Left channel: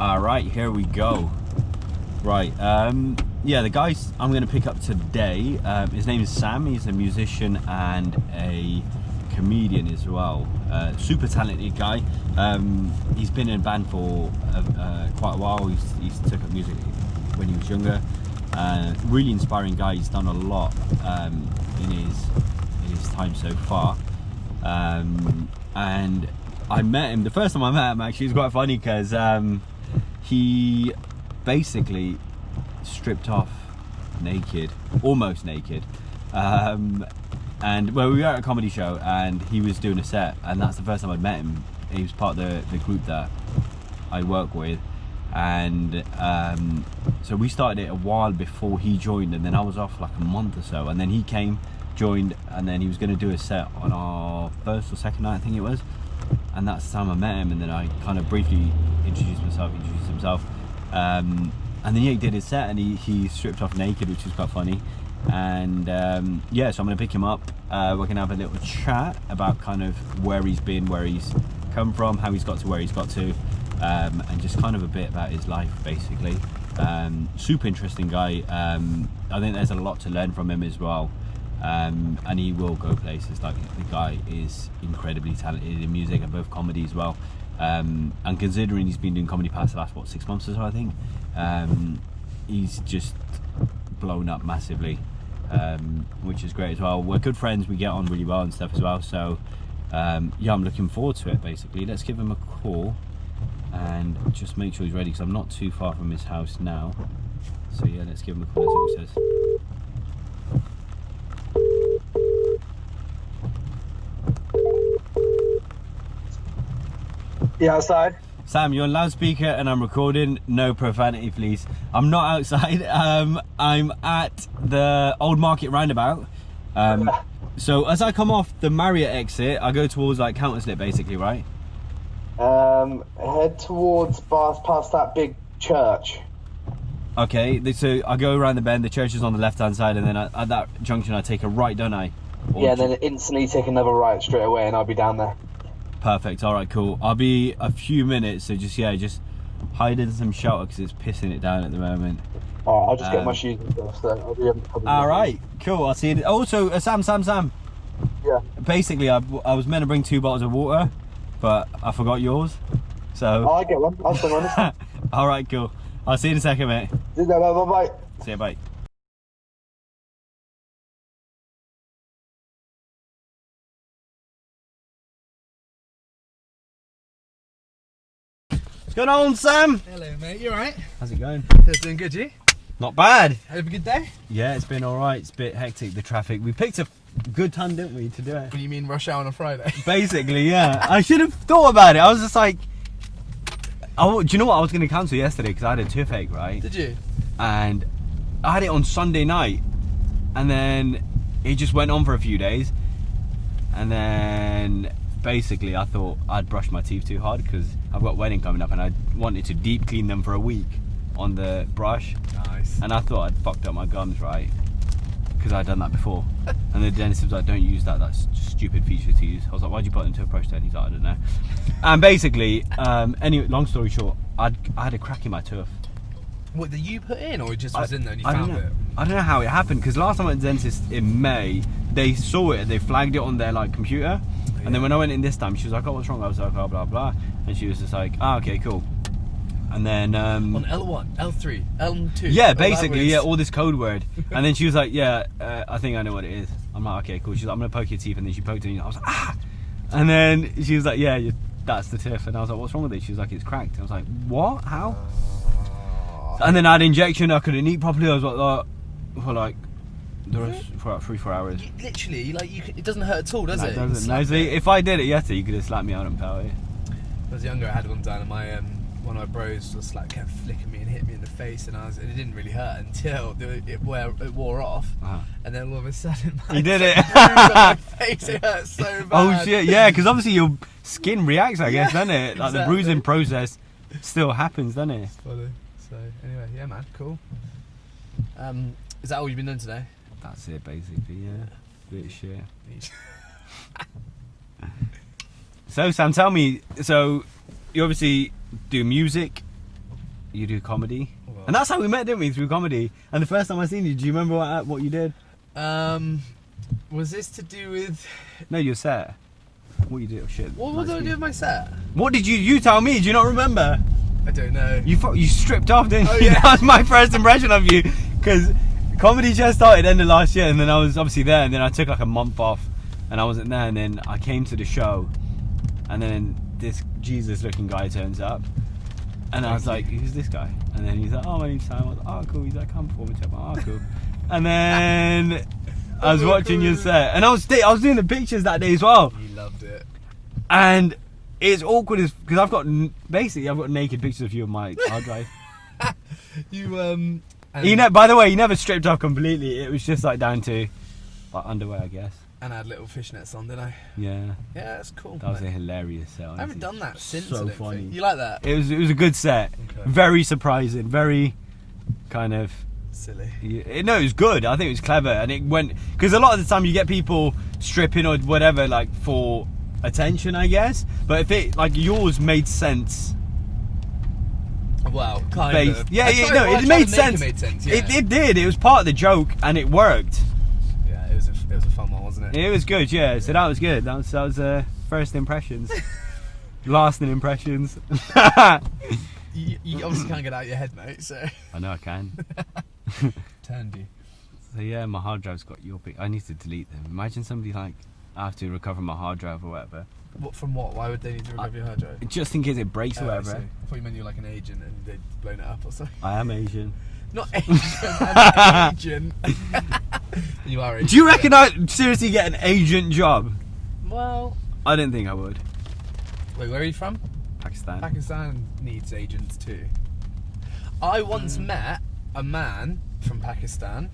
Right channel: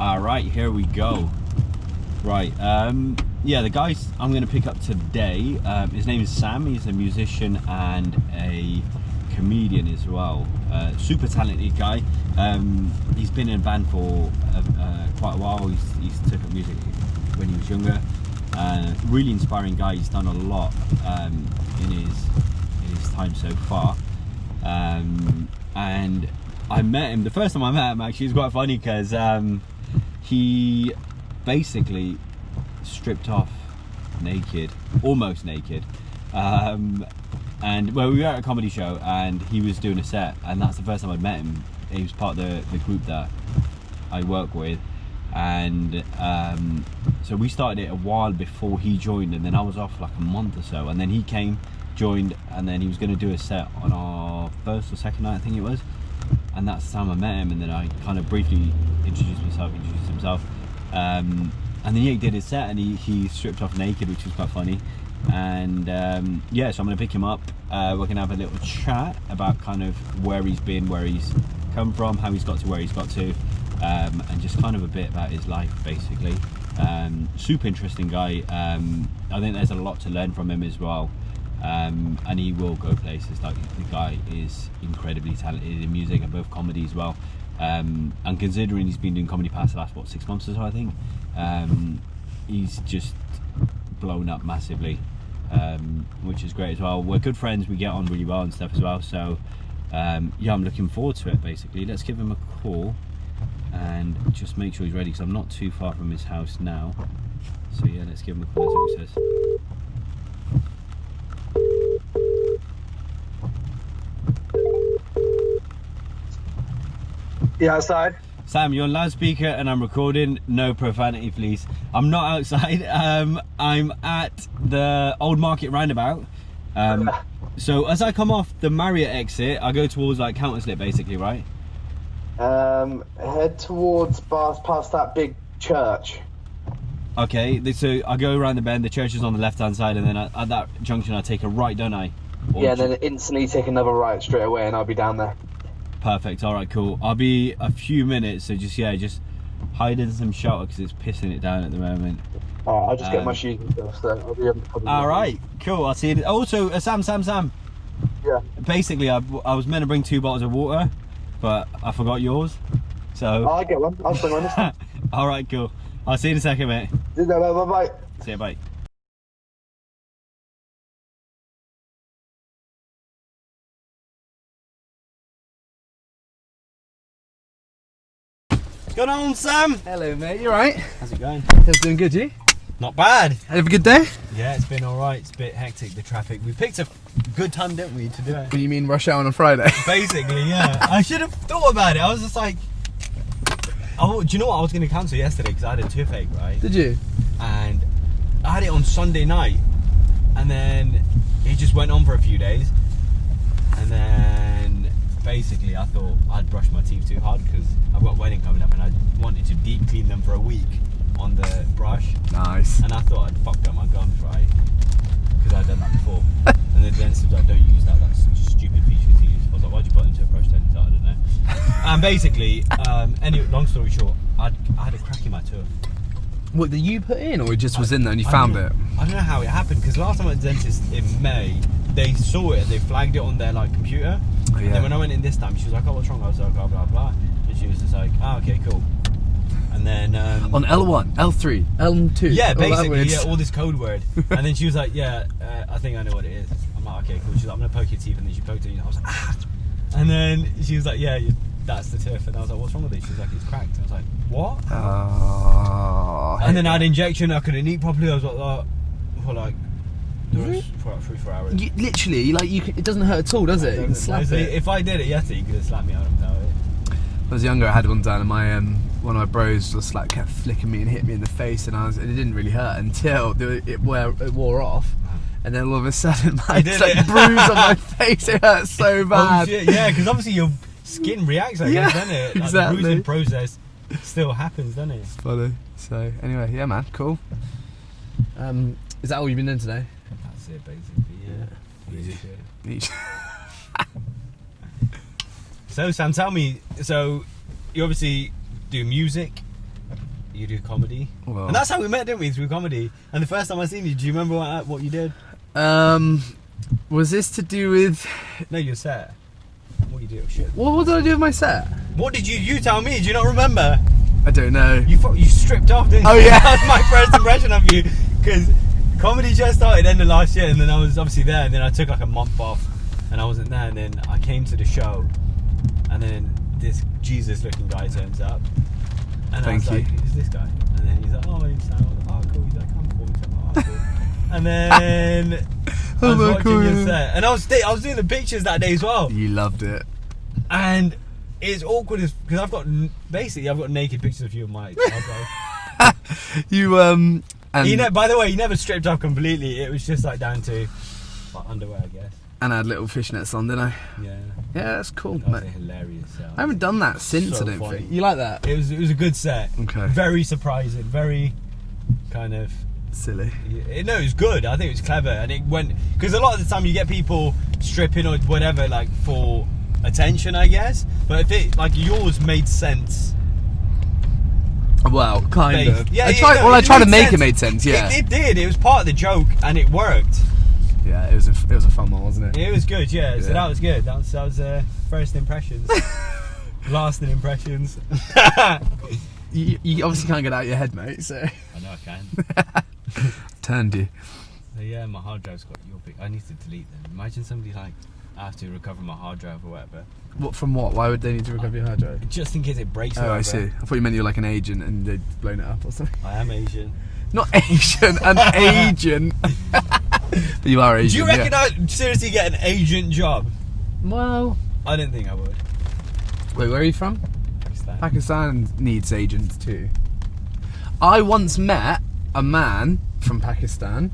Alright, here we go. Right, yeah, the guys I'm going to pick up today, his name is Sam. He's a musician and a comedian as well. Super talented guy. He's been in a band for quite a while. He's took up music when he was younger. Really inspiring guy. He's done a lot in his time so far. And I met him, the first time I met him actually, it's quite funny because he basically stripped off naked, almost naked, and well, we were at a comedy show and he was doing a set, and that's the first time I'd met him. He was part of the group that I work with, and so we started it a while before he joined, and then I was off like a month or so, and then he came, joined, and then he was going to do a set on our first or second night, I think it was, and that's the time I met him. And then I kind of briefly introduced himself, and then he did his set and he stripped off naked, which was quite funny. And yeah, so I'm going to pick him up. We're going to have a little chat about kind of where he's been, where he's come from, how he's got to where he's got to, and just kind of a bit about his life basically. Super interesting guy. I think there's a lot to learn from him as well. And he will go places. Like, the guy is incredibly talented in music and both comedy as well. And considering he's been doing comedy past the last 6 months or so, I think, he's just blown up massively, which is great as well. We're good friends, we get on really well and stuff as well, so yeah, I'm looking forward to it basically. Let's give him a call and just make sure he's ready, because I'm not too far from his house now. So yeah, let's give him a call. Let's see what he says. Yeah, outside. Sam, you're on loudspeaker and I'm recording. No profanity, please. I'm not outside. I'm at the Old Market roundabout. So as I come off the Marriott exit, I go towards like Counterslip, basically, right? Head towards past that big church. Okay, so I go around the bend. The church is on the left-hand side, and then at that junction, I take a right, don't I? Or yeah, then instantly take another right straight away, and I'll be down there. Perfect. All right, cool. I'll be a few minutes, so just hide in some shelter because it's pissing it down at the moment. Alright, I'll just get my shoes and stuff, so I'll be able to cover. All right, cool. I'll see you. Also, Sam. Yeah. Basically, I was meant to bring 2 bottles of water, but I forgot yours. So. I'll get one. I'll bring one this time. All right, cool. I'll see you in a second, mate. Bye. See you, bye. What's going on, Sam? Hello, mate. You alright? How's it going? It's doing good, you? Not bad. Have a good day? Yeah, it's been alright. It's a bit hectic, the traffic. We picked a good time, didn't we, to do it? What do you mean rush hour on a Friday? Basically, yeah. I should have thought about it. I was just like, oh, do you know what? I was going to cancel yesterday because I had a toothache, right? Did you? And I had it on Sunday night. And then it just went on for a few days. And then basically I thought I'd brushed my teeth too hard because I've got a wedding coming up and I wanted to deep clean them for a week on the brush. Nice. And I thought I'd fucked up my gums, right? Because I'd done that before. And the dentist was like, don't use that, that's a stupid feature to use. I was like, why'd you put it into a brush then? He's like, I don't know. And basically, anyway, long story short, I had a crack in my tooth. What, did you put in, or it just was in there and you found it? I don't know how it happened, because last time I went to the dentist in May, they saw it, they flagged it on their like computer. Oh, yeah. And then when I went in this time, she was like, oh, what's wrong? I was like, oh, blah, blah. And she was just like, oh, okay, cool. And then... on L1, L3, L2. Yeah, basically, yeah, all this code word. And then she was like, yeah, I think I know what it is. I'm like, okay, cool. She's like, I'm going to poke your teeth. And then she poked it and I was like, ah! And then she was like, yeah, that's the tooth. And I was like, what's wrong with it? She was like, it's cracked. And I was like, what? How? And then I had injection. I couldn't eat properly. I was like, for like the rest, for like 3-4 hours. Literally, like it doesn't hurt at all, does it? If I did it yesterday, you could have slapped me out and tell it. When I was younger, I had one done, and my one of my bros just like kept flicking me and hit me in the face, and it didn't really hurt until it wore off. And then all of a sudden, my bruise on my face, it hurt so bad. Oh shit, yeah, because obviously your skin reacts, I guess, doesn't it? Like exactly. The bruising process still happens, doesn't it? It's funny. So anyway, yeah, man, cool. Is that all you've been doing today? That's it, basically. Yeah. Each. So Sam, tell me. So you obviously do music. you do comedy. Well. And that's how we met, didn't we? Through comedy. And the first time I seen you, do you remember what you did? Was this to do with... No, your set. What you did? Shit. What did I do with my set? What did you tell me? Do you not remember? I don't know. You stripped off, didn't you? Oh, yeah. That was my first impression of you. Because comedy just started end of last year, and then I was obviously there, and then I took like a month off, and I wasn't there, and then I came to the show, and then this Jesus-looking guy turns up, and I was like, who's this guy? And then he's like, oh, my name's Sam. I was like, oh, cool. He's like, come perform. He's like, oh, cool. And then I was watching your set, and I was doing the pictures that day as well. You loved it. And it's awkward because I've got naked pictures of you on my hard drive. You and by the way, you never stripped off completely. It was just like down to like underwear, I guess. And I had little fishnets on, didn't I? Yeah. Yeah, that's cool. That was a hilarious set. I haven't done that since. So I don't funny. think. You like that? It was a good set. Okay. Very surprising. Very kind of silly. No, it was good. I think it was clever, and it went because a lot of the time you get people stripping or whatever like for attention, I guess. But if it like yours made sense. Well, kind of. Yeah, I tried to make it made sense. Yeah, it did. It was part of the joke, and it worked. Yeah, it was a fun one, wasn't it? It was good. Yeah, so that was good. That was first impressions, lasting impressions. You obviously can't get out of your head, mate. So I know I can. Turned you. So yeah, my hard drive's got your big. I need to delete them. Imagine somebody like I have to recover my hard drive or whatever. What from what? Why would they need to recover your hard drive? Just in case it breaks. Oh, or I see. I thought you meant you were like an agent and they'd blown it up or something. I am Asian. Not Asian, an agent. You are Asian. Do you reckon I'd seriously get an agent job? Well, I didn't think I would. Wait, where are you from? Pakistan. Pakistan needs agents too. I once met a man from Pakistan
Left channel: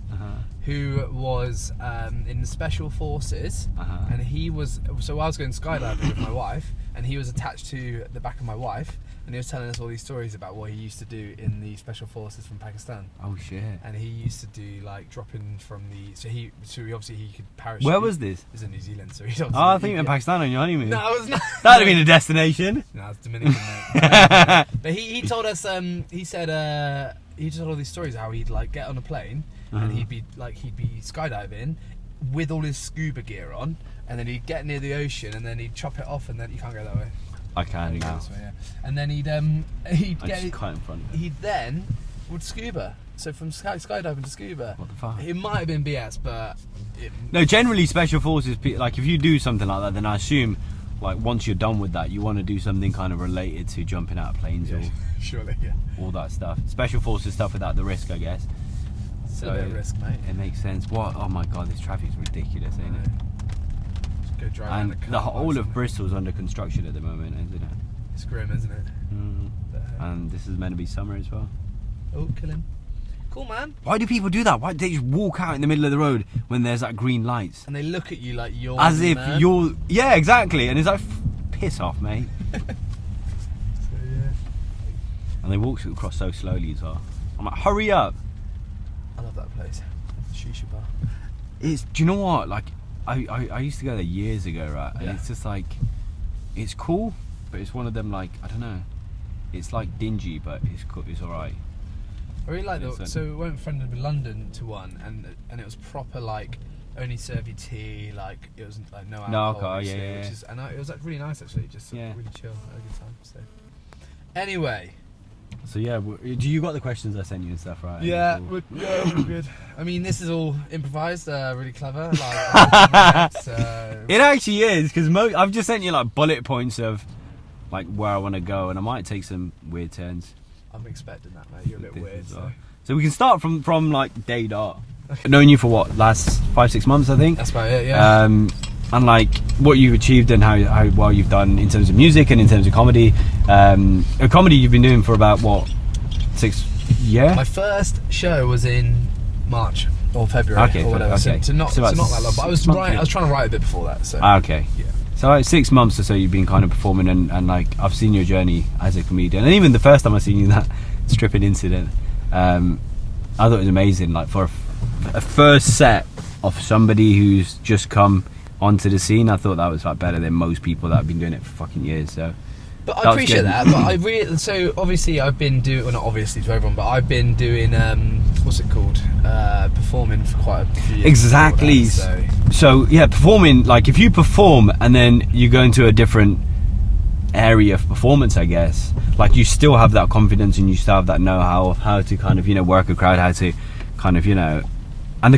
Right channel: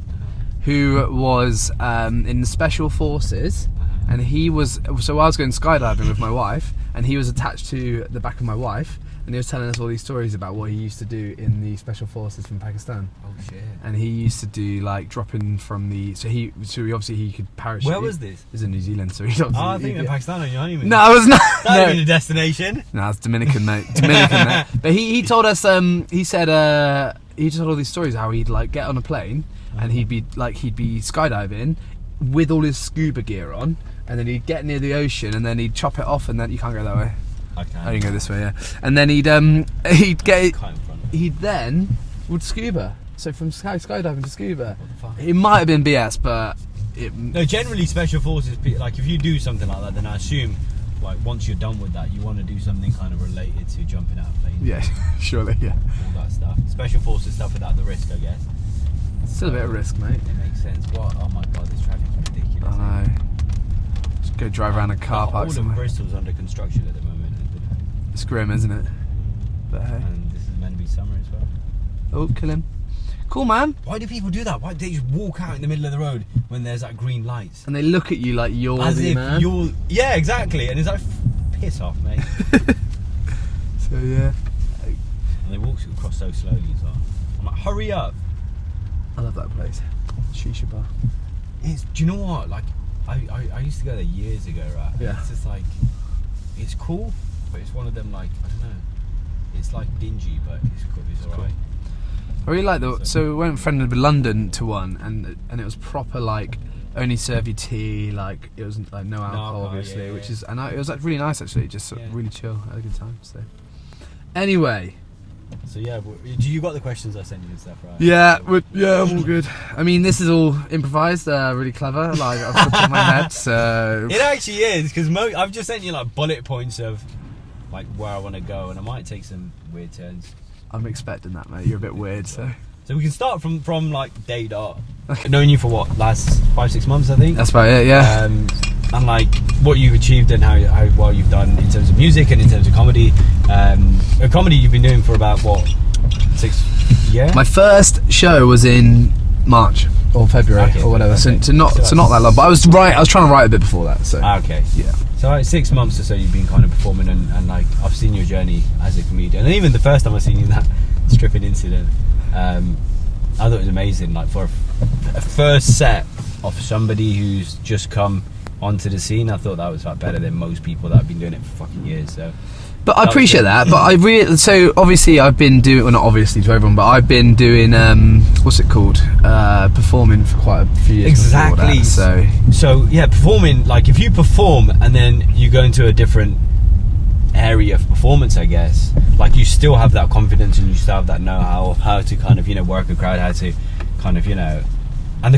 who was in the special forces, and he was. So I was going skydiving with my wife, and he was attached to the back of my wife, and he was telling us all these stories about what he used to do in the special forces from Pakistan. Oh shit! And he used to do like dropping from the. So he obviously he could parachute. Where was this? It was in New Zealand, so he. Oh, I think you're in Pakistan on your honeymoon. No, I was not. That'd be the destination. No, it's Dominican, mate. Dominican, mate. But he told us. He said he told all these stories how he'd like get on a plane and he'd be skydiving with all his scuba gear on, and then he'd get near the ocean and then he'd chop it off, and then you can't go that way. I can. Oh, you can go this way, yeah. And then he'd get. He then would scuba. So from skydiving to scuba. What the fuck? It might have been BS, but no. Generally, special forces, like if you do something like that, then I assume, like once you're done with that, you want to do something kind of related to jumping out of planes. Yeah, surely, yeah. All that stuff. Special forces stuff without the risk, I guess. Still a bit of risk, mate. It makes sense. What? Oh my god, this traffic's ridiculous. I know. Just go drive around a car park. All of Bristol's under construction at the moment, isn't it? It's grim, isn't it? But hey. And this is meant to be summer as well. Oh, kill him. Cool, man. Why do people do that? Why do they just walk out in the middle of the road when there's like green lights? And they look at you like you're as the if man. you're. Yeah, exactly. And it's like, piss off, mate. So yeah. And they walk across so slowly as well. I'm like, hurry up. I love that place. Shisha bar. Do you know what? Like, I used to go there years ago, right? And Yeah. it's just like, it's cool, but it's one of them like, I don't know. It's like dingy, but it's cool. It's alright. I really like the. So we went friendly with London to one, and it was proper like only serve you tea, like it was like no alcohol, obviously, yeah. which is it was like really nice actually, just sort of Yeah. really chill, had a good time. So anyway, So yeah, do you got the questions I sent you and stuff, right? yeah, I'm all good. I mean, this is all improvised, really clever, like off the top of my head. So It actually is, because I've just sent you like bullet points of like where I want to go, and I might take some weird turns. I'm expecting that, mate. You're a bit weird, so we can start from like day dot. I've known you for what, last 5-6 months, I think. that's about it. Yeah. And like what you've achieved and how well you've done in terms of music and in terms of comedy. Comedy you've been doing for about what, 6 years? My first show was in March or February or whatever. Okay. So not that long. But I was trying to write a bit before that. So Okay. yeah. So like 6 months or so you've been kind of performing, and like I've seen your journey as a comedian, and even the first time I seen you in that stripping incident, I thought it was amazing. Like for a first set of somebody who's just come onto the scene. I thought that was like better than most people that have been doing it for fucking years. So. But I appreciate that. But I really, so obviously I've been doing, well, not obviously to everyone, but I've been doing what's it called? Performing for quite a few years. Exactly. That, so yeah, performing. Like if you perform and then you go into a different area of performance, I guess, like you still have that confidence and you still have that know-how of how to kind of, you know, work a crowd, how to kind of, you know, and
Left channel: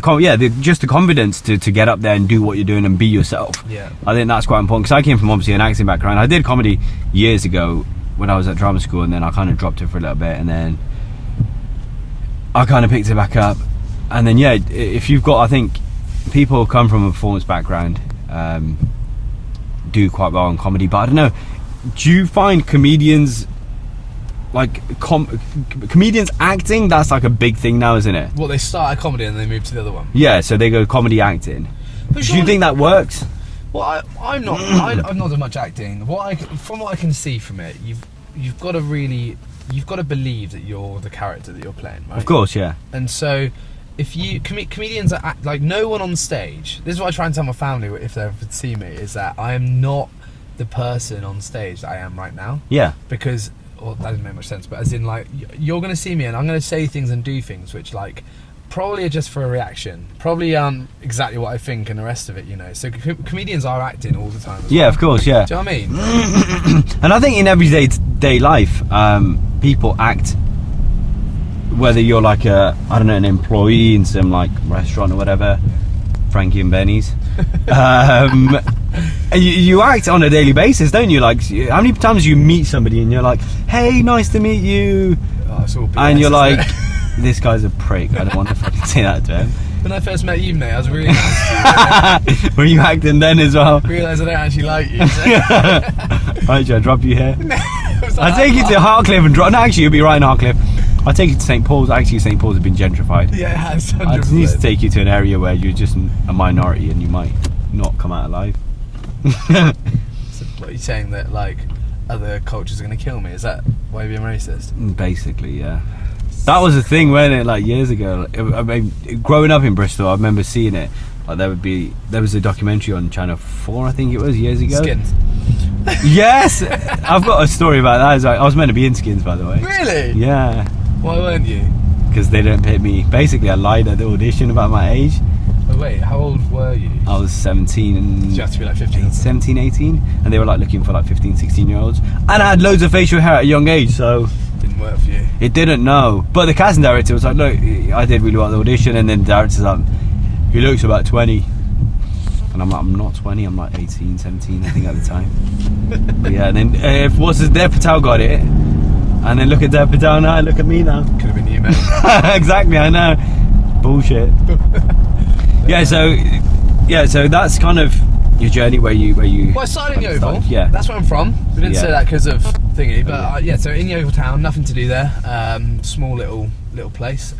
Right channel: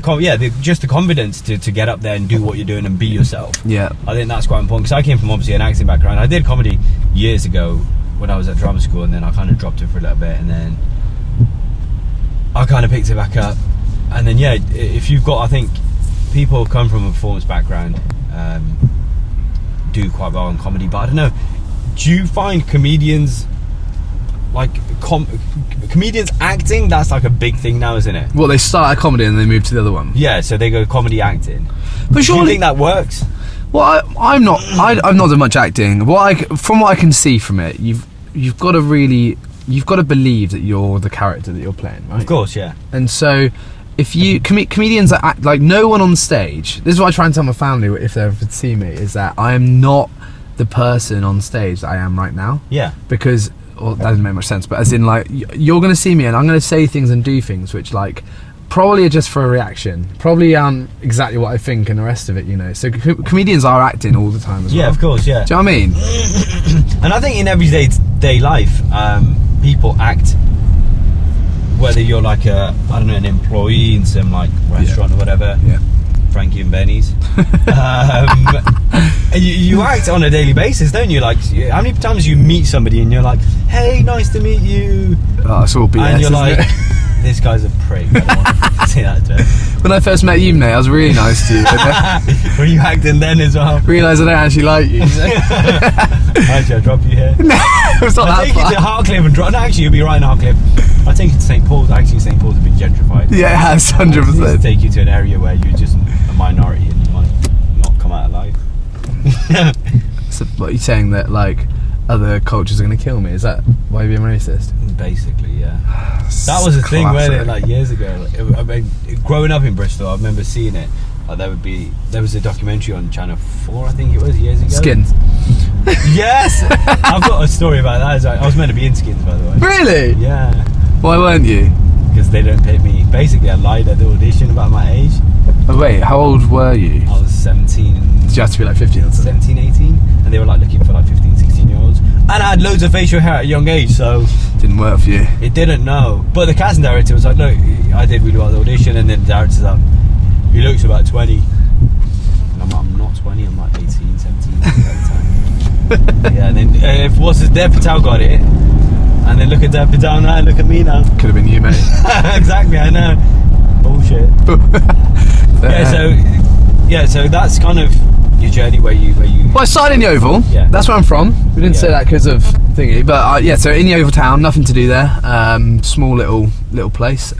just the confidence to get up there and do what you're doing and be yourself. Yeah, I think that's quite important, because I came from obviously an acting background. I did comedy years ago when I was at drama school, and then I kind of dropped it for a little bit, and then I kind of picked it back up. And then yeah, if you've got, I think people who come from a performance background do quite well in comedy, but I don't know, do you find comedians like comedians acting, that's like a big thing now, isn't it? well, they start a comedy and they move to the other one. Yeah, so they go comedy acting. But Do you think that works? Well, I've not done much acting. From what I can see from it, you've got to believe that you're the character that you're playing, right? Of course, yeah. And so, if you comedians that act like no one on stage. This is what I try and tell my family if they ever see me, is that I am not the person on stage that I am right now. Yeah. Because, well, that doesn't make much sense. But as in, like, you're going to see me and I'm going to say things and do things which, like, probably are just for a reaction. Probably aren't exactly what I think and the rest of it, you know. So comedians are acting all the time as well. Yeah, of course, yeah. Do you know what I mean? And I think in everyday life, people act, whether you're like an employee in some like restaurant or whatever, Frankie and Benny's. You act on a daily basis, don't you? Like, how many times you meet somebody and you're like, "Hey, nice to meet you," it's all BS, and you're like, it? "This guy's a prick. I don't want to say that to him." When I first met you, mate, I was really nice to you. Were you acting then as well? Realised I don't actually like you. Right, should I drop you here? It was not I'll that take you far. to Hartcliffe and drop. No, actually, you'll be right in Hartcliffe. I'll take you to St. Paul's. Actually, St. Paul's has been gentrified. Yeah, it has, I just need to 100%. take you to an area where you're just a minority and you might not come out alive. So, what, you're saying that, like, other cultures are going to kill me? Is that why you're being racist? Basically, yeah. That was the thing, wasn't it? Like years ago. I mean, growing up in Bristol, I remember seeing it. Like there was a documentary on Channel 4, I think it was, years ago. Skins. Yes, I've got a story about that. I was meant to be in Skins, by the way. Really? Yeah. Why weren't you? Because they don't pick me. Basically, I lied at the audition about my age. Oh, wait, how old were you? I was 17. Did you have to be like 15? 17, 18, and they were like looking for like 15, 16 year olds, and I had loads of facial hair at a young age, so Didn't work for you. it didn't know. But the casting director was like, "Look, I did really well at the audition," and then the director's like, "He looks about 20," and I'm like, "I'm not 20, I'm like 18, 17 I think at the time." Yeah, and then if Dev Patel got it, and then look at Dev Patel now, look at me now. Could have been you, mate. Exactly, I know. Bullshit. So that's kind of your journey where you. Well, I started in Yeovil. Yeah. That's where I'm from. We didn't Yeah. say that because of thingy, but so in Yeovil town, nothing to do there. Small little place.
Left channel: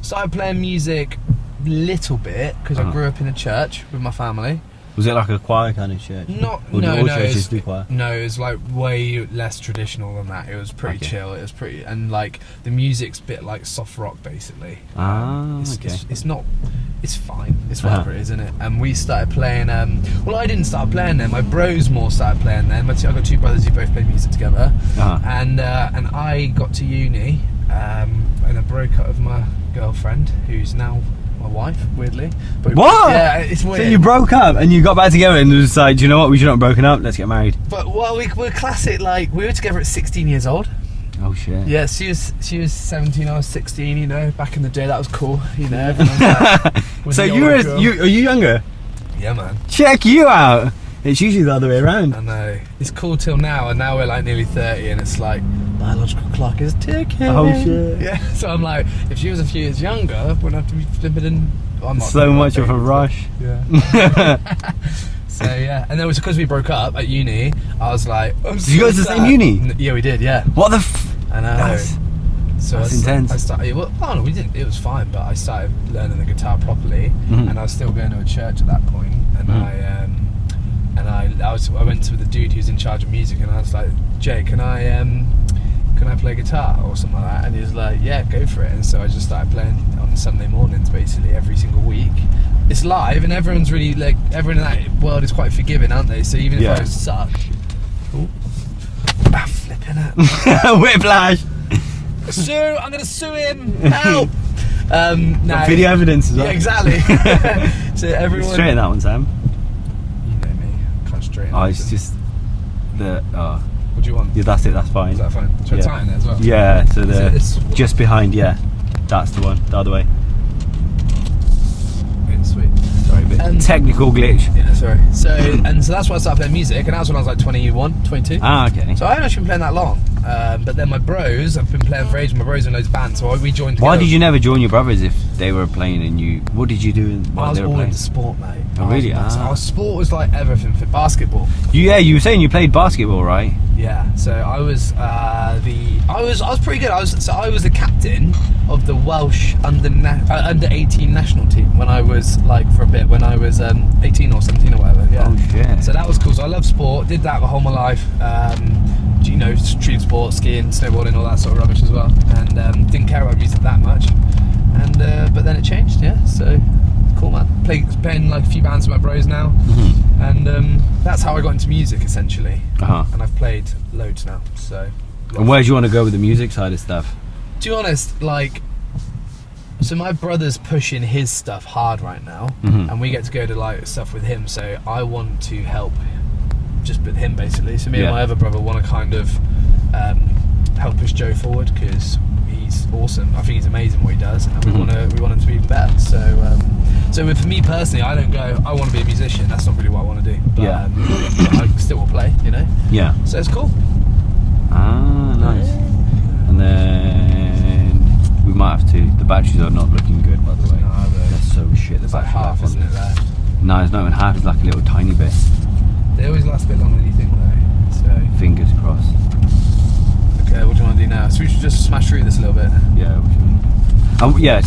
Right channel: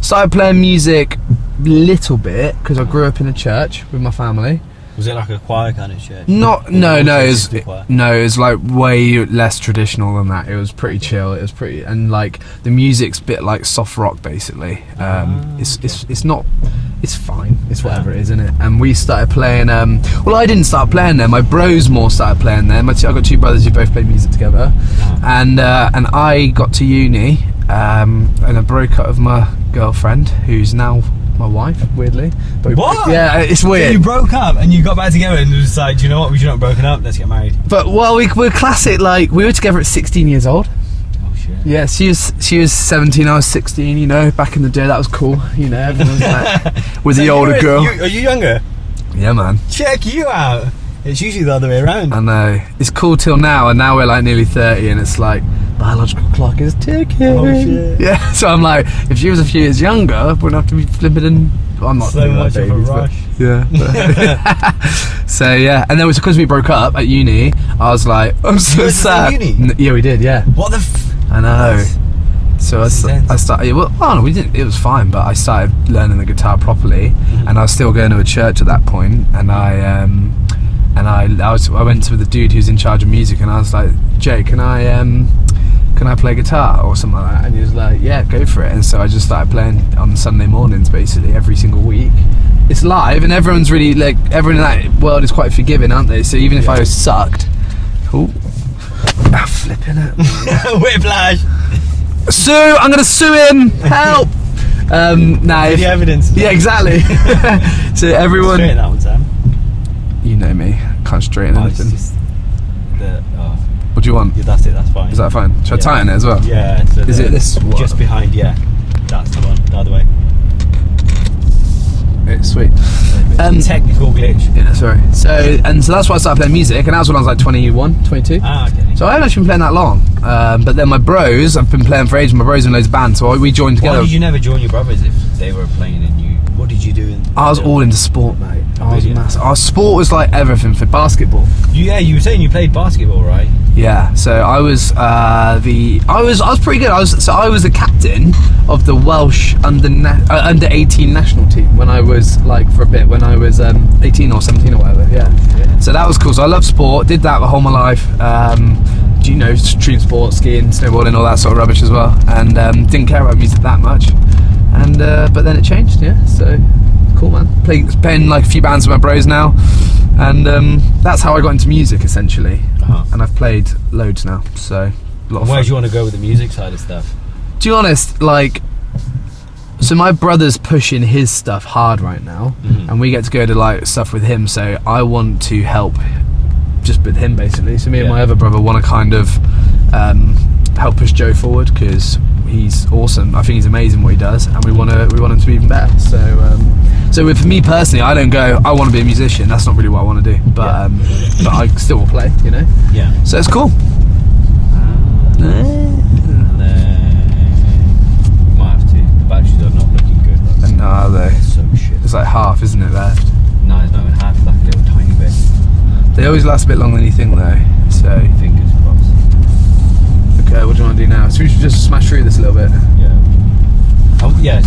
Started playing music little bit because I grew up in a church with my family. Was it like a choir kind of shit? No, it was choir? no, it was like way less traditional than that. It was pretty chill. It was pretty, and like the music's a bit like soft rock basically. It's not. It's fine. It's whatever it is, isn't it? And we started playing. Well, I didn't start playing there. My bros more started playing there. I got two brothers who both played music together, and I got to uni, and I broke up with my girlfriend, who's now my wife, weirdly. But What? Yeah, it's So weird. you broke up and you got back together and was like, "Do you know what? We should not have broken up. Let's get married." But well, we're classic. Like we were together at 16 years old. Oh shit. Yeah, she was 17, I was 16. You know, back in the day, that was cool. You know, everyone was like, with So the older girl. Are you younger? Yeah, man. Check you out. It's usually the other way around. I know. It's cool till now, and now we're like nearly 30, and it's like biological clock is ticking. Oh, shit. Yeah. So I'm like, if she was a few years younger, I wouldn't have to be flipping and. I'm not So doing much that of a babies, but- rush. Yeah. So yeah, and then it was because we broke up at uni. I was like, I'm so guys the same sad. uni? Yeah, we did. Yeah. What the? I know. That's- So that's intense. I started. Well, no, we didn't. It was fine, but I started learning the guitar properly, and I was still going to a church at that point. And I went to the dude who's in charge of music, and I was like, "Jay, can I can I play guitar or something like that? And he was like, yeah, go for it. And so I just started playing on Sunday mornings, basically every single week. It's live, and everyone's really like, everyone in that world is quite forgiving, aren't they? So even if I was sucked, flipping it, Whiplash. sue! I'm gonna sue him. Help! The evidence. Yeah, exactly. So everyone, Straighten that one, Sam. you know me, can't straighten Oh, it's anything. just the. What do you want? Yeah, that's it. That's fine. Is that fine? Should I tighten it as well? Yeah. So Is it this one? just behind? Yeah. That's the one. The other way. It's sweet. Technical glitch. Yeah, sorry. So that's why I started playing music, and that was when I was like 21, 22. Ah, okay. So I haven't actually been playing that long. But then my bros, I've been playing for ages. My bros in loads of bands, so we joined together. Why did you never join your brothers if they were playing and you? What did you do? I was all into sport, mate. Oh, really? Our sport was like everything for basketball. You were saying you played basketball, right? Yeah. So I was I was pretty good. I was the captain of the Welsh under 18 national team when I was like for a bit when I was 18 or 17 or whatever. Yeah. Oh, shit. So that was cool. So I love sport. Did that the whole of my life. You know, extreme sport, skiing, snowboarding, all that sort of rubbish as well. And didn't care about music that much. And but then it changed. Yeah. So cool, man. Playing like a few bands with my bros now. And that's how I got into music essentially. And I've played loads now. So. And where do you want to go with the music side of stuff? To be honest, like, so my brother's pushing his stuff hard right now, and we get to go to like stuff with him. So I want to help, just with him basically. So me and my other brother want to kind of help push Joe forward because he's awesome. I think he's amazing what he does, and we want him to be even better. So. So for me personally, I don't go, I want to be a musician. That's not really what I want to do. But but I still will play, you know. Yeah. So it's cool. Nice. And then we might have to. The batteries are not looking good. By the way. No, are they? There's so shit. It's like half, isn't it, left? No, it's not even half. It's like a little tiny bit. They always last a bit longer than you think, though. So Fingers crossed. okay, what do you want to do now? So we should just smash through this a little bit. Yeah. Yeah.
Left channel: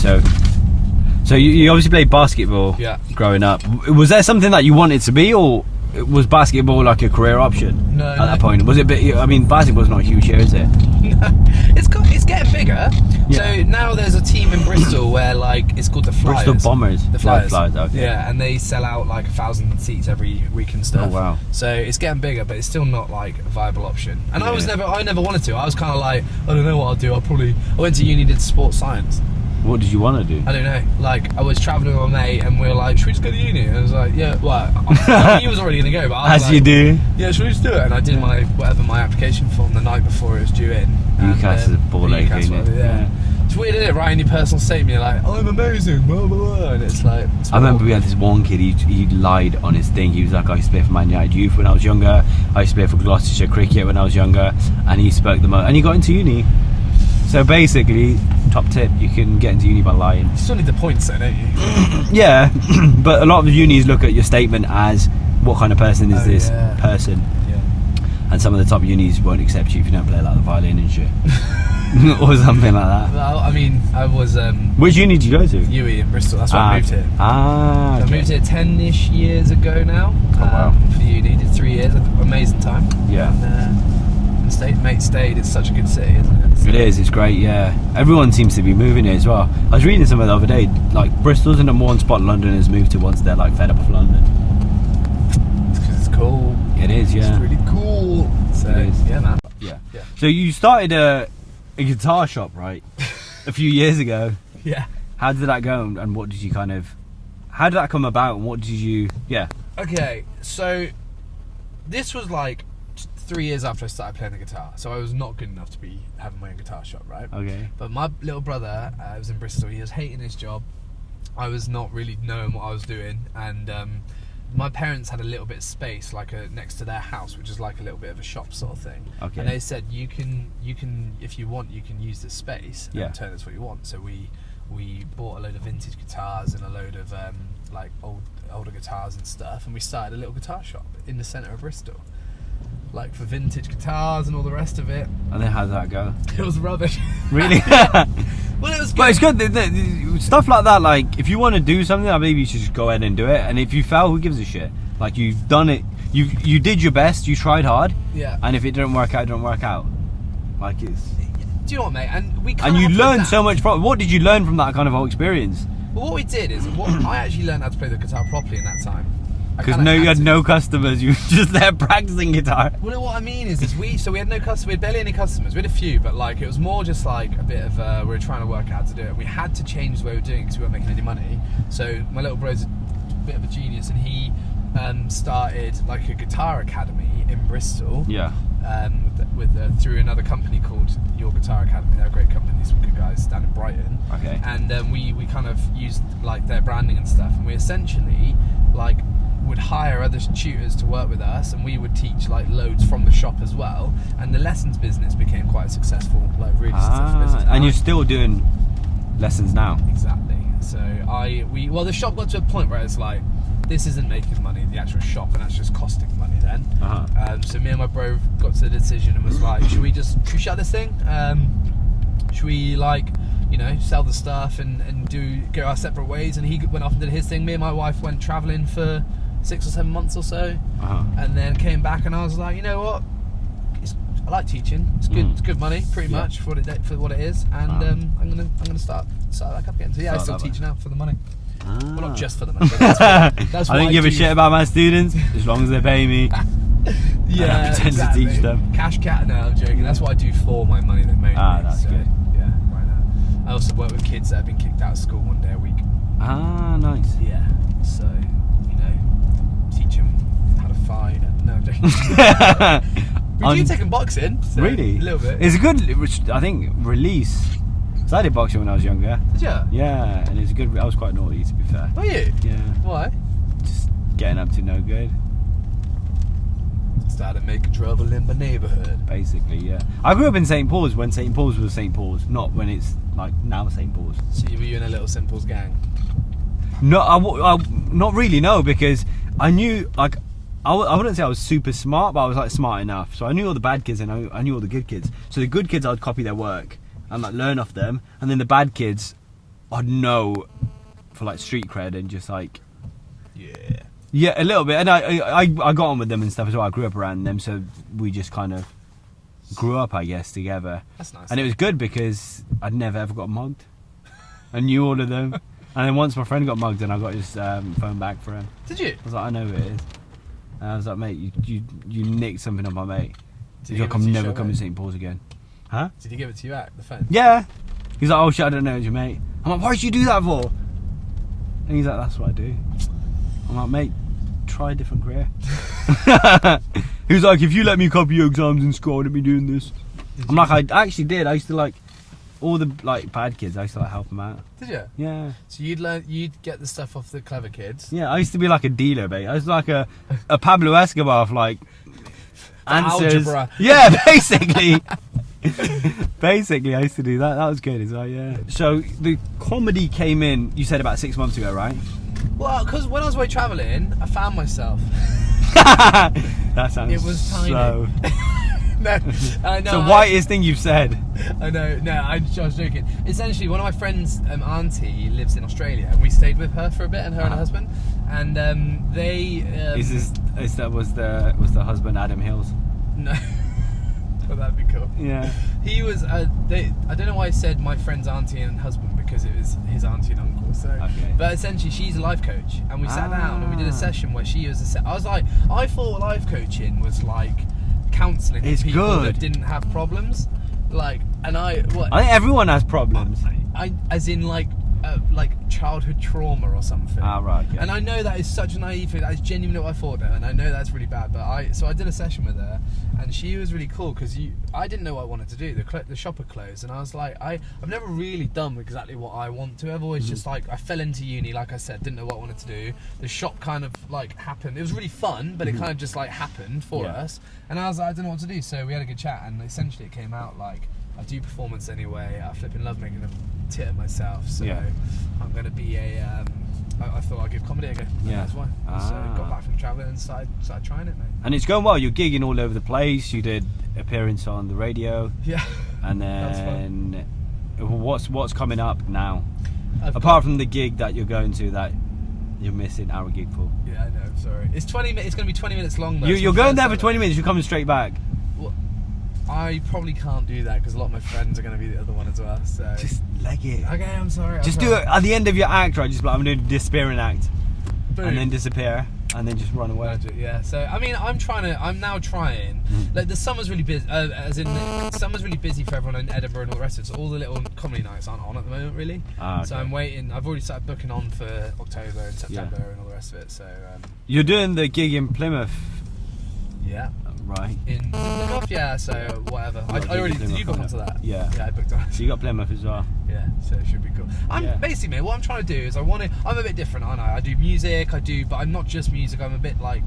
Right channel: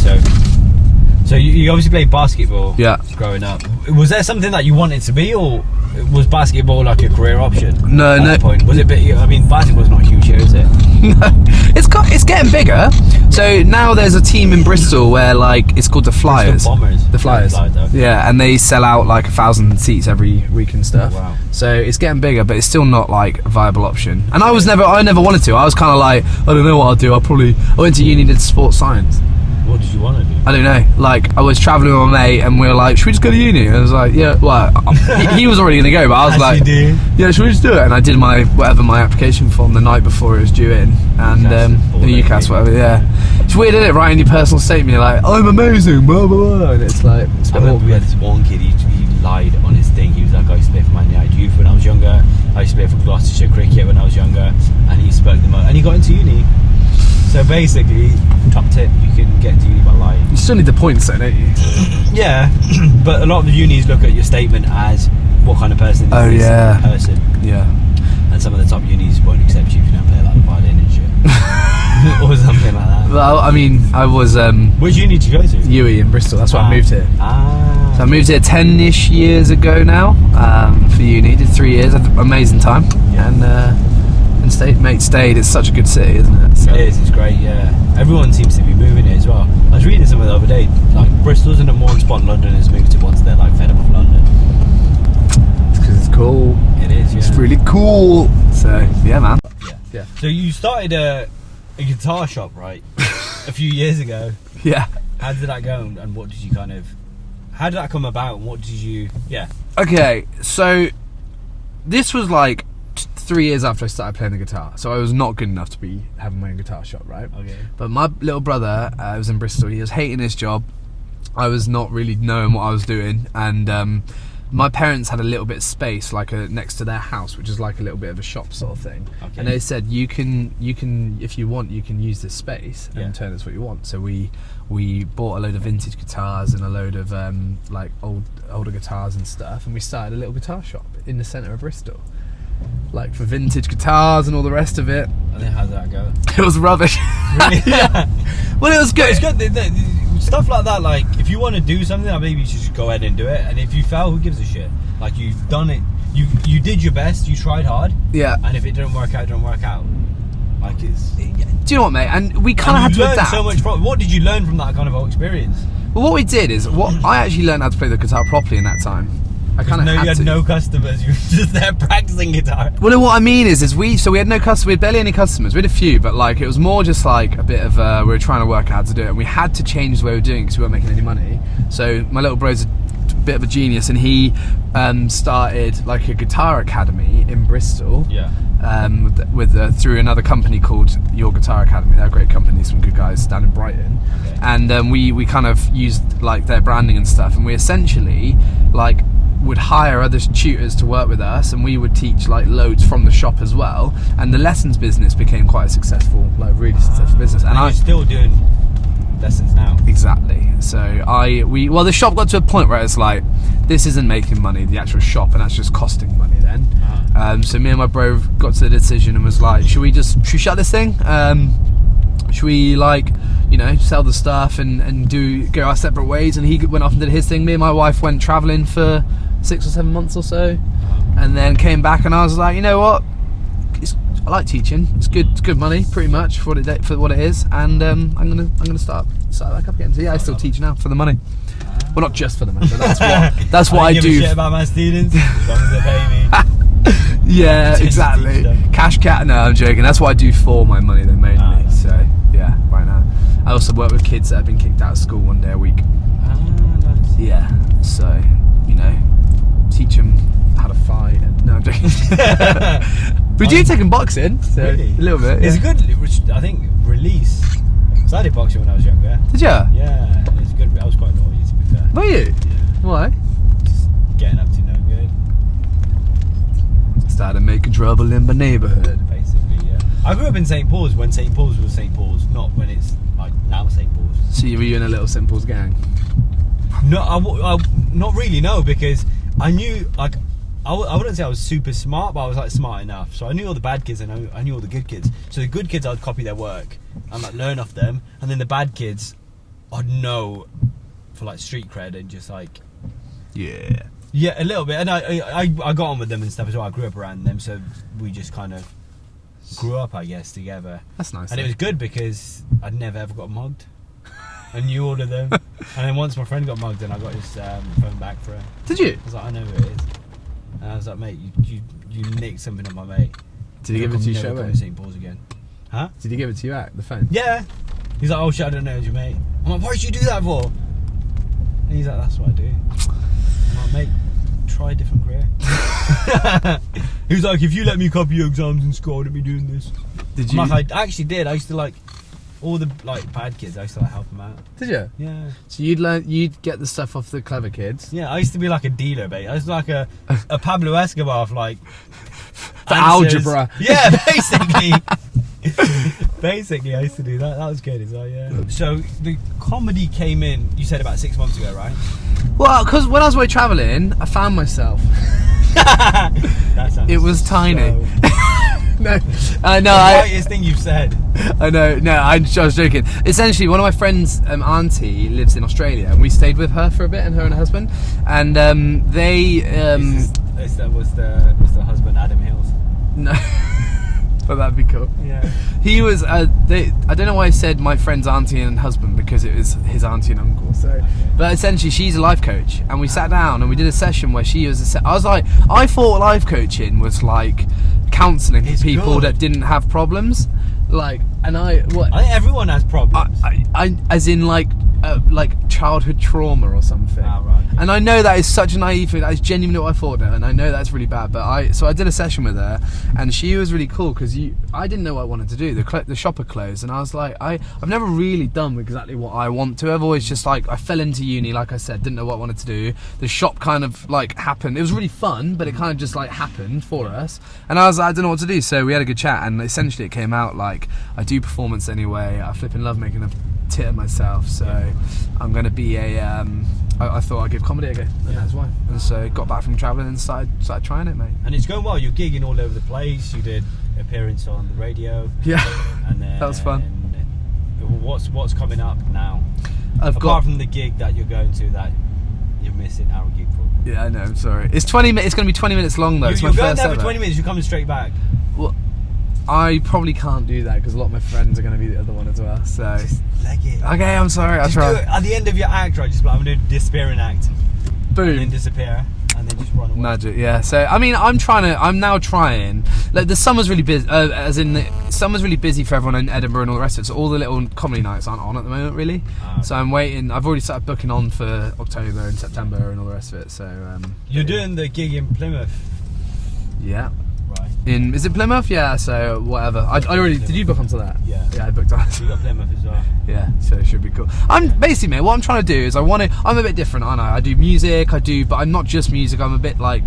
So you obviously played basketball. Yeah. Growing up, was there something that you wanted to be, or was basketball like a career option? No, at no. that point, was it? I mean, basketball's not huge here, is it? No, it's getting bigger. Yeah. So now there's a team in Bristol where like it's called the Flyers. Bristol Bombers. The Flyers. Okay. Yeah, and they sell out like 1,000 seats every week and stuff. Oh, wow. So it's getting bigger, but it's still not like a viable option. And I never wanted to. I was kind of like, I don't know what I'll do. I went to uni, did sports science. What did you want to do? I don't know. Like, I was travelling with my mate and we were like, should we just go to uni? And I was like, yeah. Well, he was already going to go, but I was As like, you do. yeah, should we just do it? And I did my application form the night before it was due in. And UCAS, whatever, yeah. It's weird, isn't it? Writing your personal statement, you're like, I'm amazing, blah, blah, blah. And it's like, I remember we had this one kid, he lied on his thing. He was like, I used to play for Man United Youth when I was younger. I used to play for Gloucestershire Cricket when I was younger. And he spoke the most. And he got into uni. So basically, top tip, you can get into uni by lying. You still need the points though, don't you? Yeah, but a lot of the unis look at your statement as what kind of person is this person. Yeah. And some of the top unis won't accept you if you don't play like the violin and shit. Or something like that. Well, I mean, I was... Which uni did you go to? UWE in Bristol, that's why I moved here. So I moved here 10-ish years ago now for uni, did 3 years, had an amazing time. Yeah. And stayed. It's such a good city, isn't it? So. It is, it's great, yeah. Everyone seems to be moving here as well. I was reading something the other day, like Bristol's in a more spot Londoners moved to once they're like fed up of London. It's because it's cool. It is, yeah. It's really cool. So, yeah, man. Yeah. So you started a guitar shop, right? A few years ago. Yeah. How did that go and what did you how did that come about and what did you, Okay, so this was like 3 years after I started playing the guitar, so I was not good enough to be having my own guitar shop, right? Okay. But my little brother was in Bristol. He was hating his job. I was not really knowing what I was doing, and my parents had a little bit of space, like next to their house, which is like a little bit of a shop sort of thing. Okay. And they said, you can, if you want, you can use this space and turn this what you want. So we bought a load of vintage guitars and a load of like older guitars and stuff, and we started a little guitar shop in the centre of Bristol. Like for vintage guitars and all the rest of it. And then how did that go? It was rubbish. Really? Yeah. Well, it was good. But it's good. Stuff like that, like if you want to do something, I believe you should just go ahead and do it. And if you fail, who gives a shit? Like you've done it. You did your best. You tried hard. Yeah. And if it didn't work out, it didn't work out. Like Do you know what, mate? And we kind of had And to you learned adapt. so much from. What did you learn from that kind of whole experience? Well, what we did is, I actually learned how to play the guitar properly in that time. Because you had no customers. You were just there practicing guitar. Well, no, what I mean is we had no customers. We had barely any customers. We had a few, but like it was more just like a bit of we were trying to work out how to do it, and we had to change the way we were doing it because we weren't making any money. So my little bro's a bit of a genius, and he started like a guitar academy in Bristol. Yeah. Through another company called Your Guitar Academy. They're a great company, some good guys down in Brighton. Okay. And we kind of used like their branding and stuff, and we essentially like would hire other tutors to work with us, and we would teach like loads from the shop as well. And the lessons business became quite a successful, like really successful business. And you're still doing lessons now. Exactly. So the shop got to a point where it's like, this isn't making money, the actual shop, and that's just costing money then. So me and my bro got to the decision and was like, should we shut this thing? Should we like, sell the stuff and go our separate ways? And he went off and did his thing. Me and my wife went travelling for 6 or 7 months or so, and then came back, and I was like, you know what? I like teaching. It's good. It's good money, pretty much for what it is. And I'm gonna start back up again. So yeah, I still teach now for the money. Well, not just for the money, but that's what I don't do. give a shit about my students as long as they pay me. Yeah, I pretend to teach exactly. them. Cash cat. No, I'm joking. That's what I do for my money, then mainly. So okay. yeah, right now. I also work with kids that have been kicked out of school one day a week. Nice. Yeah. So teach them how to fight. No, I'm joking. We do take in boxing. So Really? A little bit. It's yeah. a good, I think, release. So I did boxing when I was younger. Did you? Yeah, and it's good. I was quite naughty, to be fair. Were you? Yeah. Why? Just getting up to no good, Started making trouble in my neighbourhood. basically, yeah. I grew up in St. Paul's when St. Paul's was St. Paul's, not when it's like now St. Paul's. So were you in a little St. Paul's gang? No, I not really, no, because I knew, like, I wouldn't say I was super smart, but I was like smart enough. So I knew all the bad kids and I knew all the good kids. So the good kids, I'd copy their work and like learn off them, and then the bad kids, I'd know for like street cred and just like, Yeah. yeah, a little bit. And I got on with them and stuff as well. I grew up around them, so we just kind of grew up, I guess, together. That's nice. And it was good because I'd never ever got mugged. I knew all of them. And then once my friend got mugged, and I got his phone back for him. Did you? I was like, I know who it is. And I was like, mate, you nicked something off my mate. Did he You'll give it to you never straight come away? to St. Paul's again. Huh? Did he give it to you back, the phone? Yeah. He's like, oh shit, I don't know, it's your mate. I'm like, why did you do that for? And he's like, that's what I do. I'm like, mate, try a different career. He was like, if you let me copy your exams in school, I wouldn't be doing this. Did I'm you? like, I actually did. I used to like all the like bad kids. I used to like help them out. Did you? Yeah. So you'd get the stuff off the clever kids. Yeah, I used to be like a dealer, mate. I was like a Pablo Escobar of like For answers. algebra. Yeah, basically. Basically, I used to do that. That was good. It's like, yeah. So the comedy came in. You said about 6 months ago, right? Well, because when I was away travelling, I found myself. That sounds. It was tiny. So, No, the no, whitest thing you've said. I know. No, I was joking. Essentially, one of my friends' auntie lives in Australia, and we stayed with her for a bit, and her and her husband, and they. That was the husband Adam Hills. No, but that'd be cool. Yeah. He was. I don't know why I said my friend's auntie and husband, because it was his auntie and uncle. So, Okay. but essentially, she's a life coach, and we sat down and we did a session where she was. I was like, I thought life coaching was like counselling for It's people good. that didn't have problems, like, and I think everyone has problems. I as in like childhood trauma or something. Ah, right, okay. And I know that is such a naive thing. That is genuinely what I thought, and I know that's really bad. But I did a session with her, and she was really cool because I didn't know what I wanted to do. The shop had closed, and I was like, I've never really done exactly what I want to. I've always just like, I fell into uni, like I said, didn't know what I wanted to do. The shop kind of like happened. It was really fun, but it kind of just like happened for us. And I was like, I don't know what to do. So we had a good chat, and essentially it came out like, I do performance anyway. I flipping love making a tit of myself, so Yeah. I'm going to be a I thought I'd give comedy a go. Yeah. That's why. And so got back from travelling and started trying it, mate. And it's going well. You're gigging all over the place. You did appearance on the radio, Yeah. and then That was fun. What's coming up now? I've Apart from the gig that you're going to, that you're missing our gig for. Yeah, I know. I'm sorry. It's 20 minutes. It's going to be 20 minutes long though. It's You're my going first there for ever. 20 minutes. You're coming straight back. Well, I probably can't do that because a lot of my friends are going to be the other one as well. So Just leg it. okay, I'm sorry. I'll Just try. do it at the end of your act, right? Just like, I'm going to disappearing act. Boom. And then disappear. And then just run away. Magic, yeah. So I mean, I'm now trying. Like the summer's really busy, as in the summer's really busy for everyone in Edinburgh and all the rest of it. So all the little comedy nights aren't on at the moment, really. Okay. So I'm waiting. I've already started booking on for October and September and all the rest of it. So You're doing the gig in Plymouth, yeah. right? Is it Plymouth? Yeah. So whatever. I already did. You book onto that? Yeah. Yeah, I booked on. You got Plymouth as well. Yeah, so it should be cool. Basically, mate, what I'm trying to do is I'm a bit different, aren't I? I do music, but I'm not just music. I'm a bit like,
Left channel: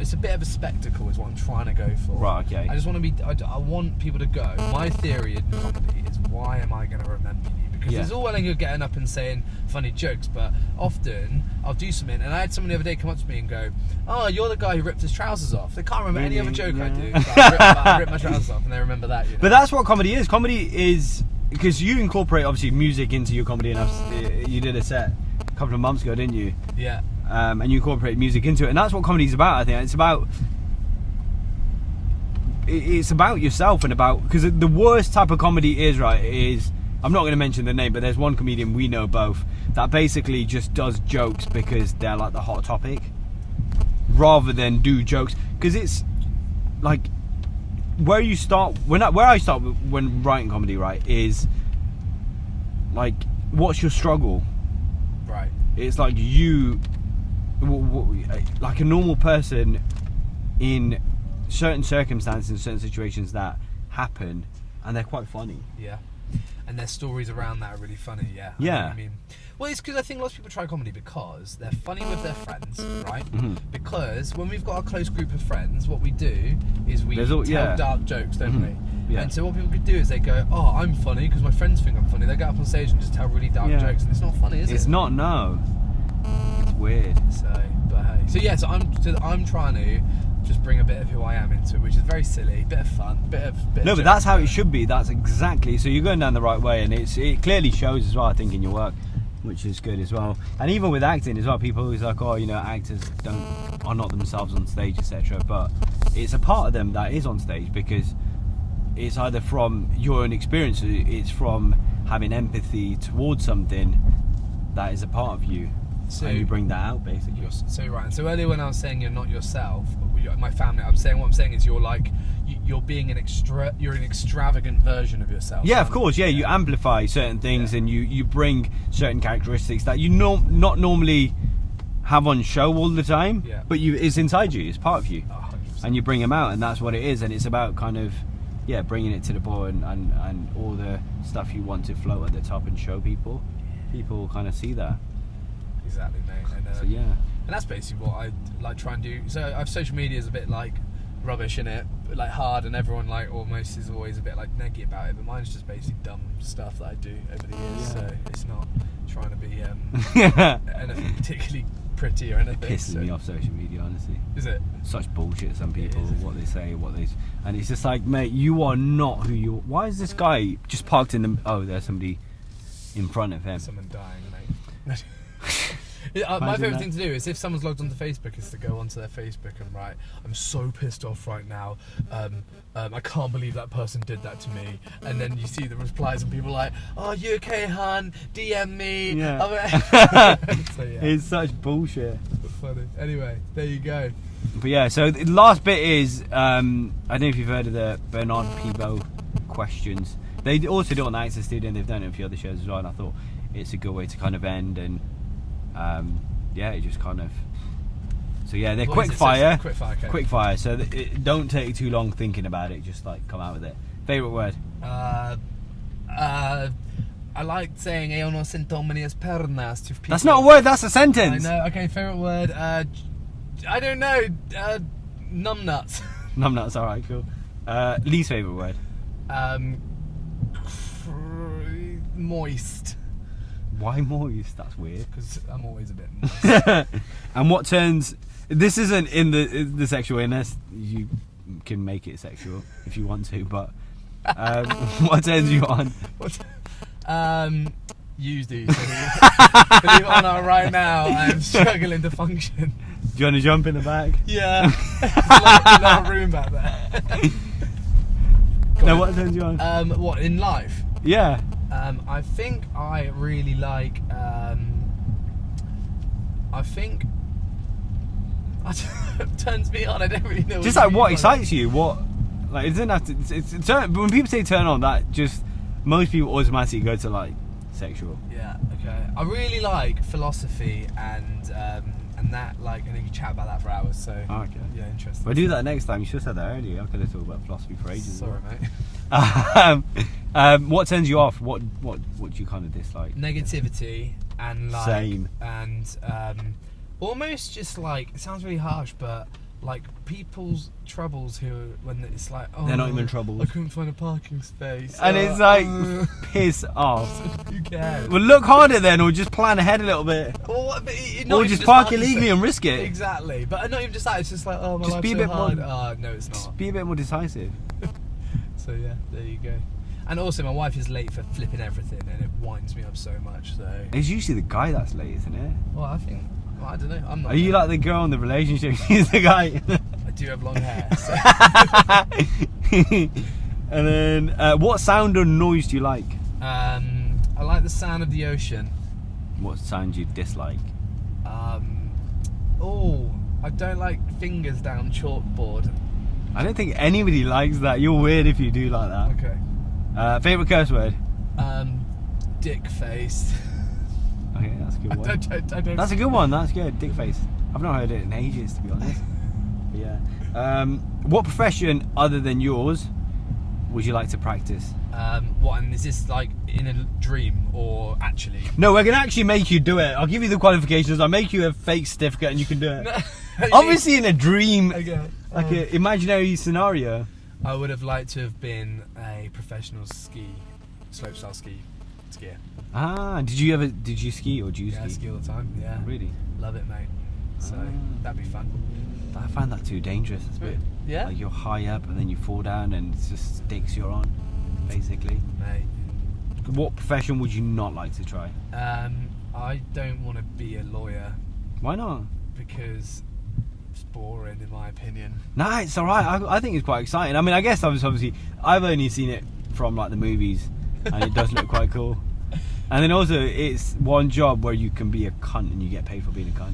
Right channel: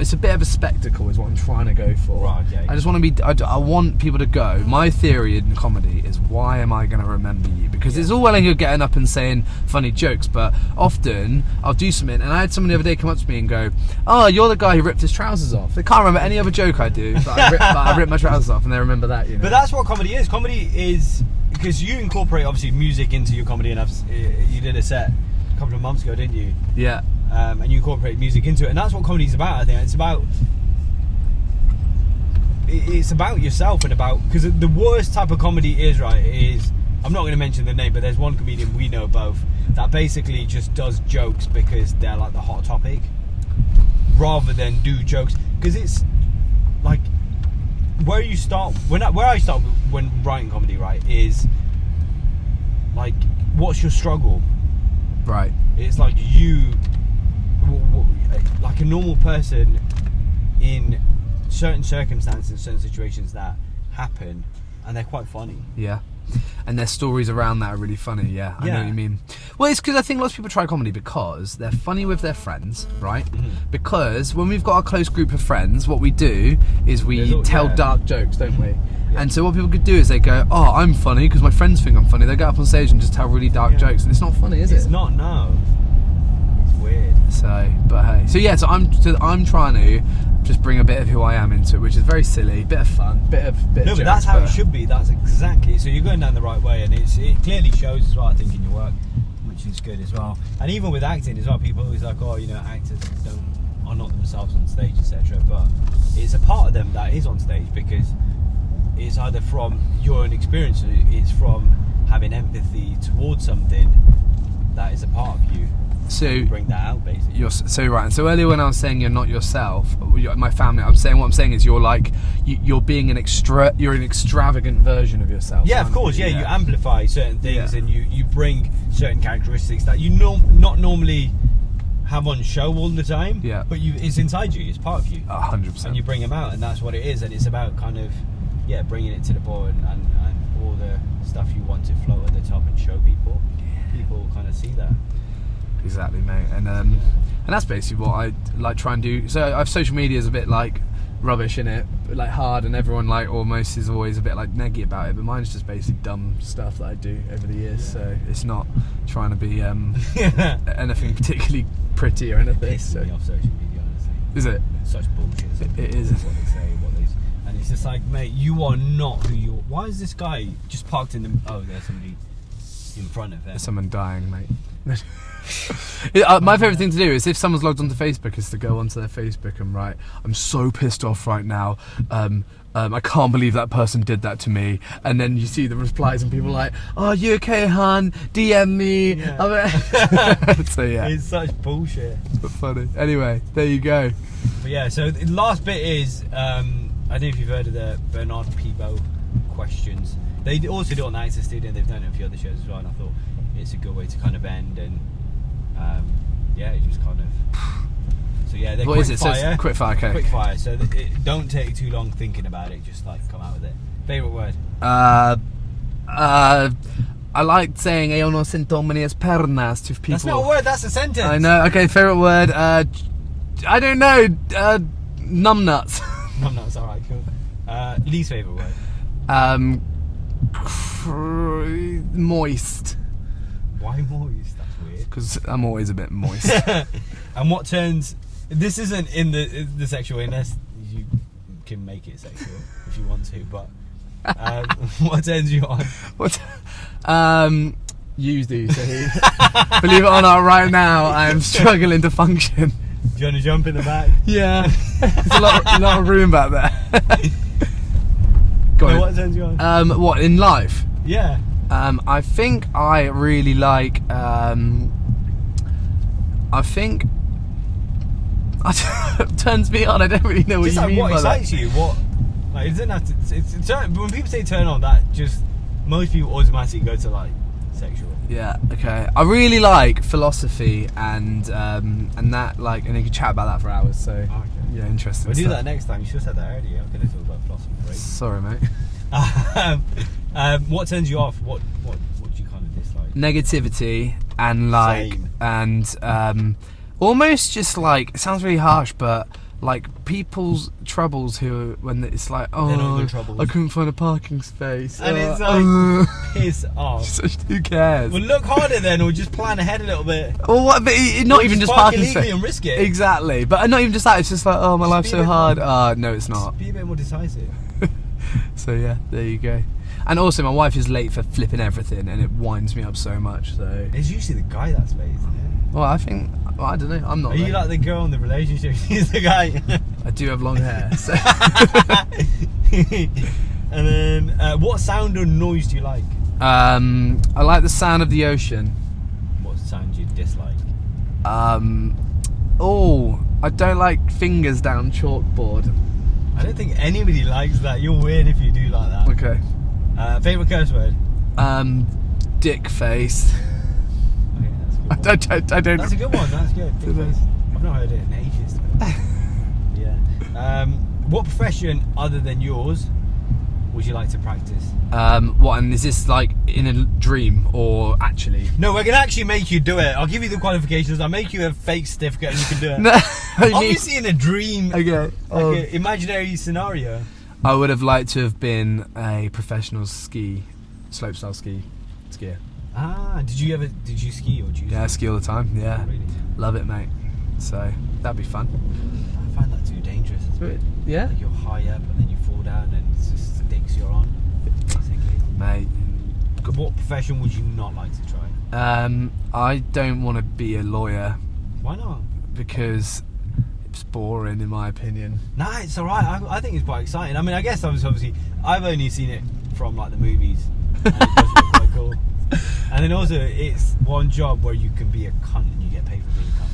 it's a bit of a spectacle is what I'm trying to go for. Right, okay. I just want to be, I want people to go. My theory in comedy is, why am I going to remember you? Because it's all well and good getting up and saying funny jokes, but often I'll do something, and I had someone the other day come up to me and go, oh, you're the guy who ripped his trousers off. They can't remember any other joke I do, but I ripped my trousers off, and they remember that, you know? But that's what comedy is. Comedy is, because you incorporate obviously music into your comedy, and you did a set a couple of months ago, didn't you? Yeah. And you incorporate music into it, and that's what comedy is about. I think it's about yourself, and about, because the worst type of comedy is, right, is, I'm not going to mention the name, but there's one comedian we know both that basically just does jokes because they're like the hot topic, rather than do jokes. Because it's like where I start when writing comedy, right, is like, what's your struggle? Right. It's like like a normal person in certain circumstances, certain situations that happen, and they're quite funny. Yeah. And their stories around that are really funny, yeah. I know what you mean. Well, it's because I think lots of people try comedy because they're funny with their friends, right? Mm-hmm. Because when we've got a close group of friends, what we do is we tell dark jokes, don't we? Yeah. And so what people could do is they go, oh, I'm funny because my friends think I'm funny. They get up on stage and just tell really dark jokes, and it's not funny, is it? It's not, no. It's weird. So, but hey. So I'm trying to just bring a bit of who I am into it, which is very silly, bit of fun, bit of no, but that's how it should be. That's exactly. So you're going down the right way, and it clearly shows as well, I think, in your work, which is good as well. And even with acting as well, people always like, oh, you know, actors are not themselves on stage, etc. But it's a part of them that is on stage, because it's either from your own experience, it's from having empathy towards something that is a part of you. So you bring that out, basically. You're so right. And so earlier when I was saying you're not yourself, my family, what I'm saying is you're like you're being an extravagant version of yourself. Yeah, of course. Yeah, you amplify certain things, and you bring certain characteristics that you not normally have on show all the time. Yeah. But it's inside you. It's part of you. 100%. And you bring them out, and that's what it is. And it's about kind of bringing it to the board and all the stuff you want to float at the top and show people. People will kind of see that. Exactly, mate. And and that's basically what I like try and do. So I've social media is a bit like rubbish, in it, like hard, and everyone like almost is always a bit like neggy about it. But mine's just basically dumb stuff that I do over the years. So it's not trying to be anything particularly pretty or anything. It pisses me off social media, honestly. Is it? Such bullshit. Some people, it is. What they say, and it's just like, mate, you are not who you are. Why is this guy just parked in the? Oh, there's somebody in front of him. There's someone dying, mate. My favourite thing to do is, if someone's logged onto Facebook, is to go onto their Facebook and write, I'm so pissed off right now, I can't believe that person did that to me, and then you see the replies and people are like, oh, you okay, hon, DM me. So yeah, it's such bullshit, but funny. Anyway, there you go. But yeah, so the last bit is I don't know if you've heard of the Bernard Pivot questions. They also do it on the Access Studio, and they've done it a few other shows as well, and I thought it's a good way to kind of end, and it just kind of. So yeah, they're quick fire. Quick fire, okay. Quick fire. So don't take too long thinking about it. Just like come out with it. Favorite word? I like saying "Eu não sinto minhas pernas" to people. That's not a word. That's a sentence. I know. Okay, favorite word. I don't know. Numbnuts. Numbnuts. All right, cool. Least favorite word? Moist. Why moist? That's weird. Because I'm always a bit moist. And what turns... This isn't in the sexual, unless you can make it sexual if you want to, but what turns you on? You do, Tahir. Believe it or not, right now I'm struggling to function. Do you want to jump in the back? Yeah. There's a lot of room back there. Go No, on. what turns you on? What in life? Yeah. I think I really like. I think. Turns me on. I don't really know what Just you like mean what by that. excites you? What? Like it doesn't have to. It's turn, but when people say turn on, that just most people automatically go to like sexual. Yeah. Okay. I really like philosophy and that like, and you can chat about that for hours. So Okay. yeah, interesting. We'll do stuff. that next time. You should have said that earlier. I'm going to talk about philosophy for ages. Sorry, mate. What turns you off? What do you kind of dislike? Negativity and like Same. and almost just like, it sounds really harsh, but like people's troubles who when it's like, oh, They're not even troubles. I couldn't find a parking space, And it's like piss off. who cares? Well, look harder then, or just plan ahead a little bit. Or what? But not Or even just park parking illegally space. and risk it. Exactly, but not even just that. It's just like, oh, my Just life's be a so bit hard. more- No, it's not. Just be a bit more decisive. So yeah, there you go. And also, my wife is late for flipping everything, and it winds me up so much. So, It's usually the guy that's late, isn't it? well, I think, well, I don't know. I'm not. Are late. you like the girl in the relationship? He's the guy. I do have long hair. So. And then, what sound or noise do you like? I like the sound of the ocean. What sound do you dislike? Oh, I don't like fingers down chalkboard. I don't think anybody likes that. You're weird if you do like that. Okay. Favorite curse word? Dick face. Okay, that's a good one. I don't. That's a good one. That's good. Dick face. I've not heard it in ages, to be honest. Yeah. What profession other than yours would you like to practice? What? And is this like in a dream or actually? No, we're gonna actually make you do it. I'll give you the qualifications. I'll make you a fake certificate and you can do it. No. I mean- Obviously, in a dream, Okay. like an imaginary scenario. I would have liked to have been a professional slopestyle skier. Ah, did you ski or did you? Yeah, I ski all the time. Yeah, Really? love it, mate. So that'd be fun. I find that too dangerous. It's a bit. Yeah, Like you're high up and then you fall down and it's just sticks you're on, basically. mate. What profession would you not like to try? I don't want to be a lawyer Why not? because it's boring, in my opinion. Nah, it's alright. I think it's quite exciting. I mean, I guess obviously I've only seen it from like the movies and it does look quite cool. And then also it's one job where you can be a cunt and you get paid for being a cunt.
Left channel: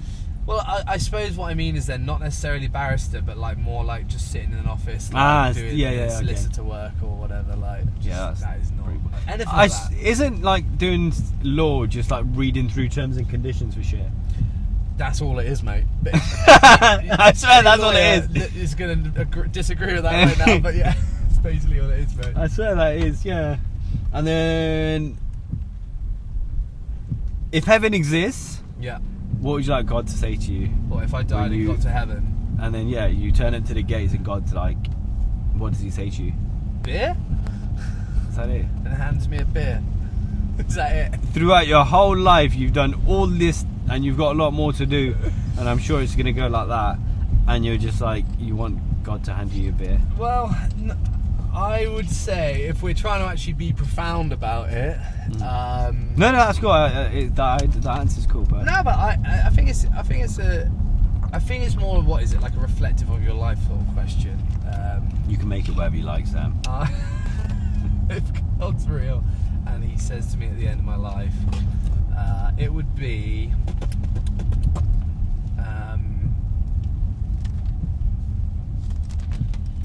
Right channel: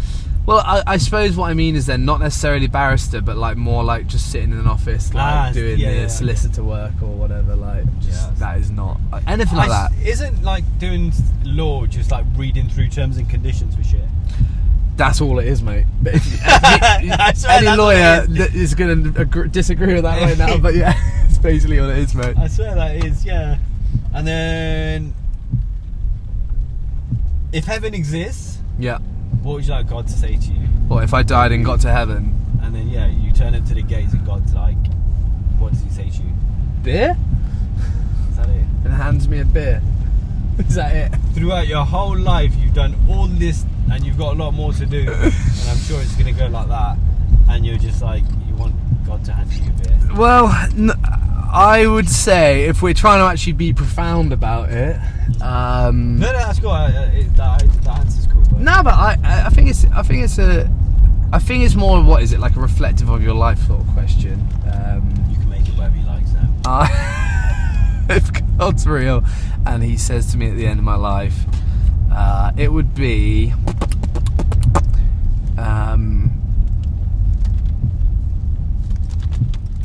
Well, I suppose what I mean is then not necessarily barrister, but like more like just sitting in an office, like doing solicitor work or whatever. Like, just, that is not anything like that. Isn't like doing law just like reading through terms and conditions for shit? That's all it is, mate. I swear Any that's what lawyer it is. is going to disagree with that right now, but yeah, it's basically all it is, mate. I swear that is, yeah. And then, if heaven exists, Yeah. what would you like God to say to you? Or if I died and got to heaven, And then, yeah, you turn up to the gates and God's like, what does he say to you? beer, Is that it? and hands me a beer. Is that it? Throughout your whole life, you've done all this and you've got a lot more to do. And I'm sure it's going to go like that. And you're just like, you want God to hand you a beer. Well, I would say if we're trying to actually be profound about it, No, that's cool. That answer's cool. But no, but I think it's more of what is it like a reflective of your life sort of question. you can make it whatever you like, Sam. If God's real and he says to me at the end of my life, it would be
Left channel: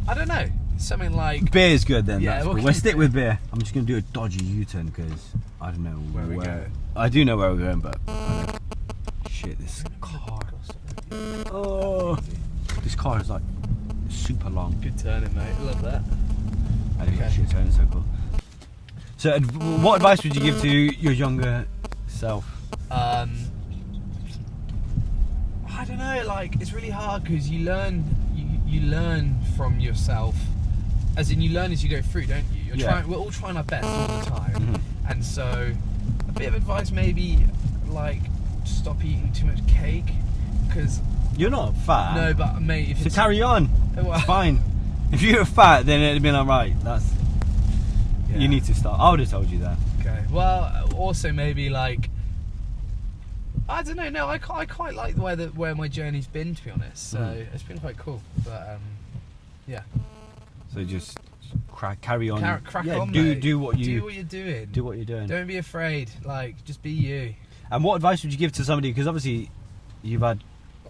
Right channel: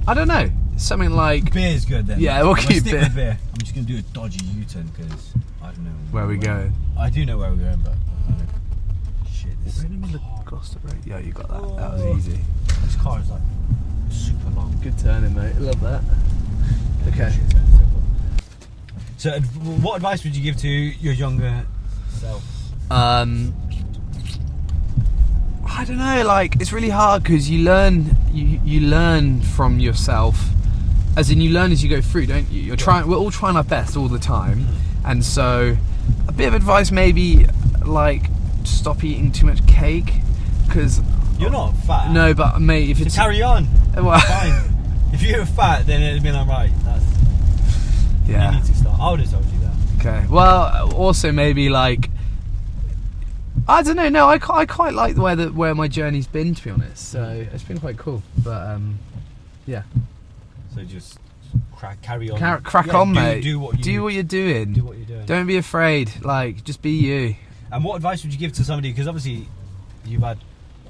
I don't know, something like Beer's good then. Yeah, that's we'll good. keep stick beer. with beer. I'm just going to do a dodgy U-turn because I don't know where we going. I do know where we're going, but shit, this car. Yeah, you got Oh. that was easy. This car is like super long. Good turning, mate. Love that. Okay. Shit, turning circle. So, what advice would you give to your younger self? I don't know. Like, it's really hard because you learn. You learn from yourself, as in you learn as you go through, don't you? We're all trying our best all the time, and so a bit of advice maybe like stop eating too much cake, because You're not fat. no, but mate, if it's So carry on. well, Fine. If you're fat, then it'd be like, right, that's yeah. you need to start. I would have told you that. Okay. Well, also maybe like I don't know. No, I quite like where my journey's been, to be honest. So it's been quite cool. But yeah. So just carry on. Crack on, mate. Do what you're doing. Do what you're doing. Don't be afraid. Like, just be you. And what advice would you give to somebody? Because obviously, you've had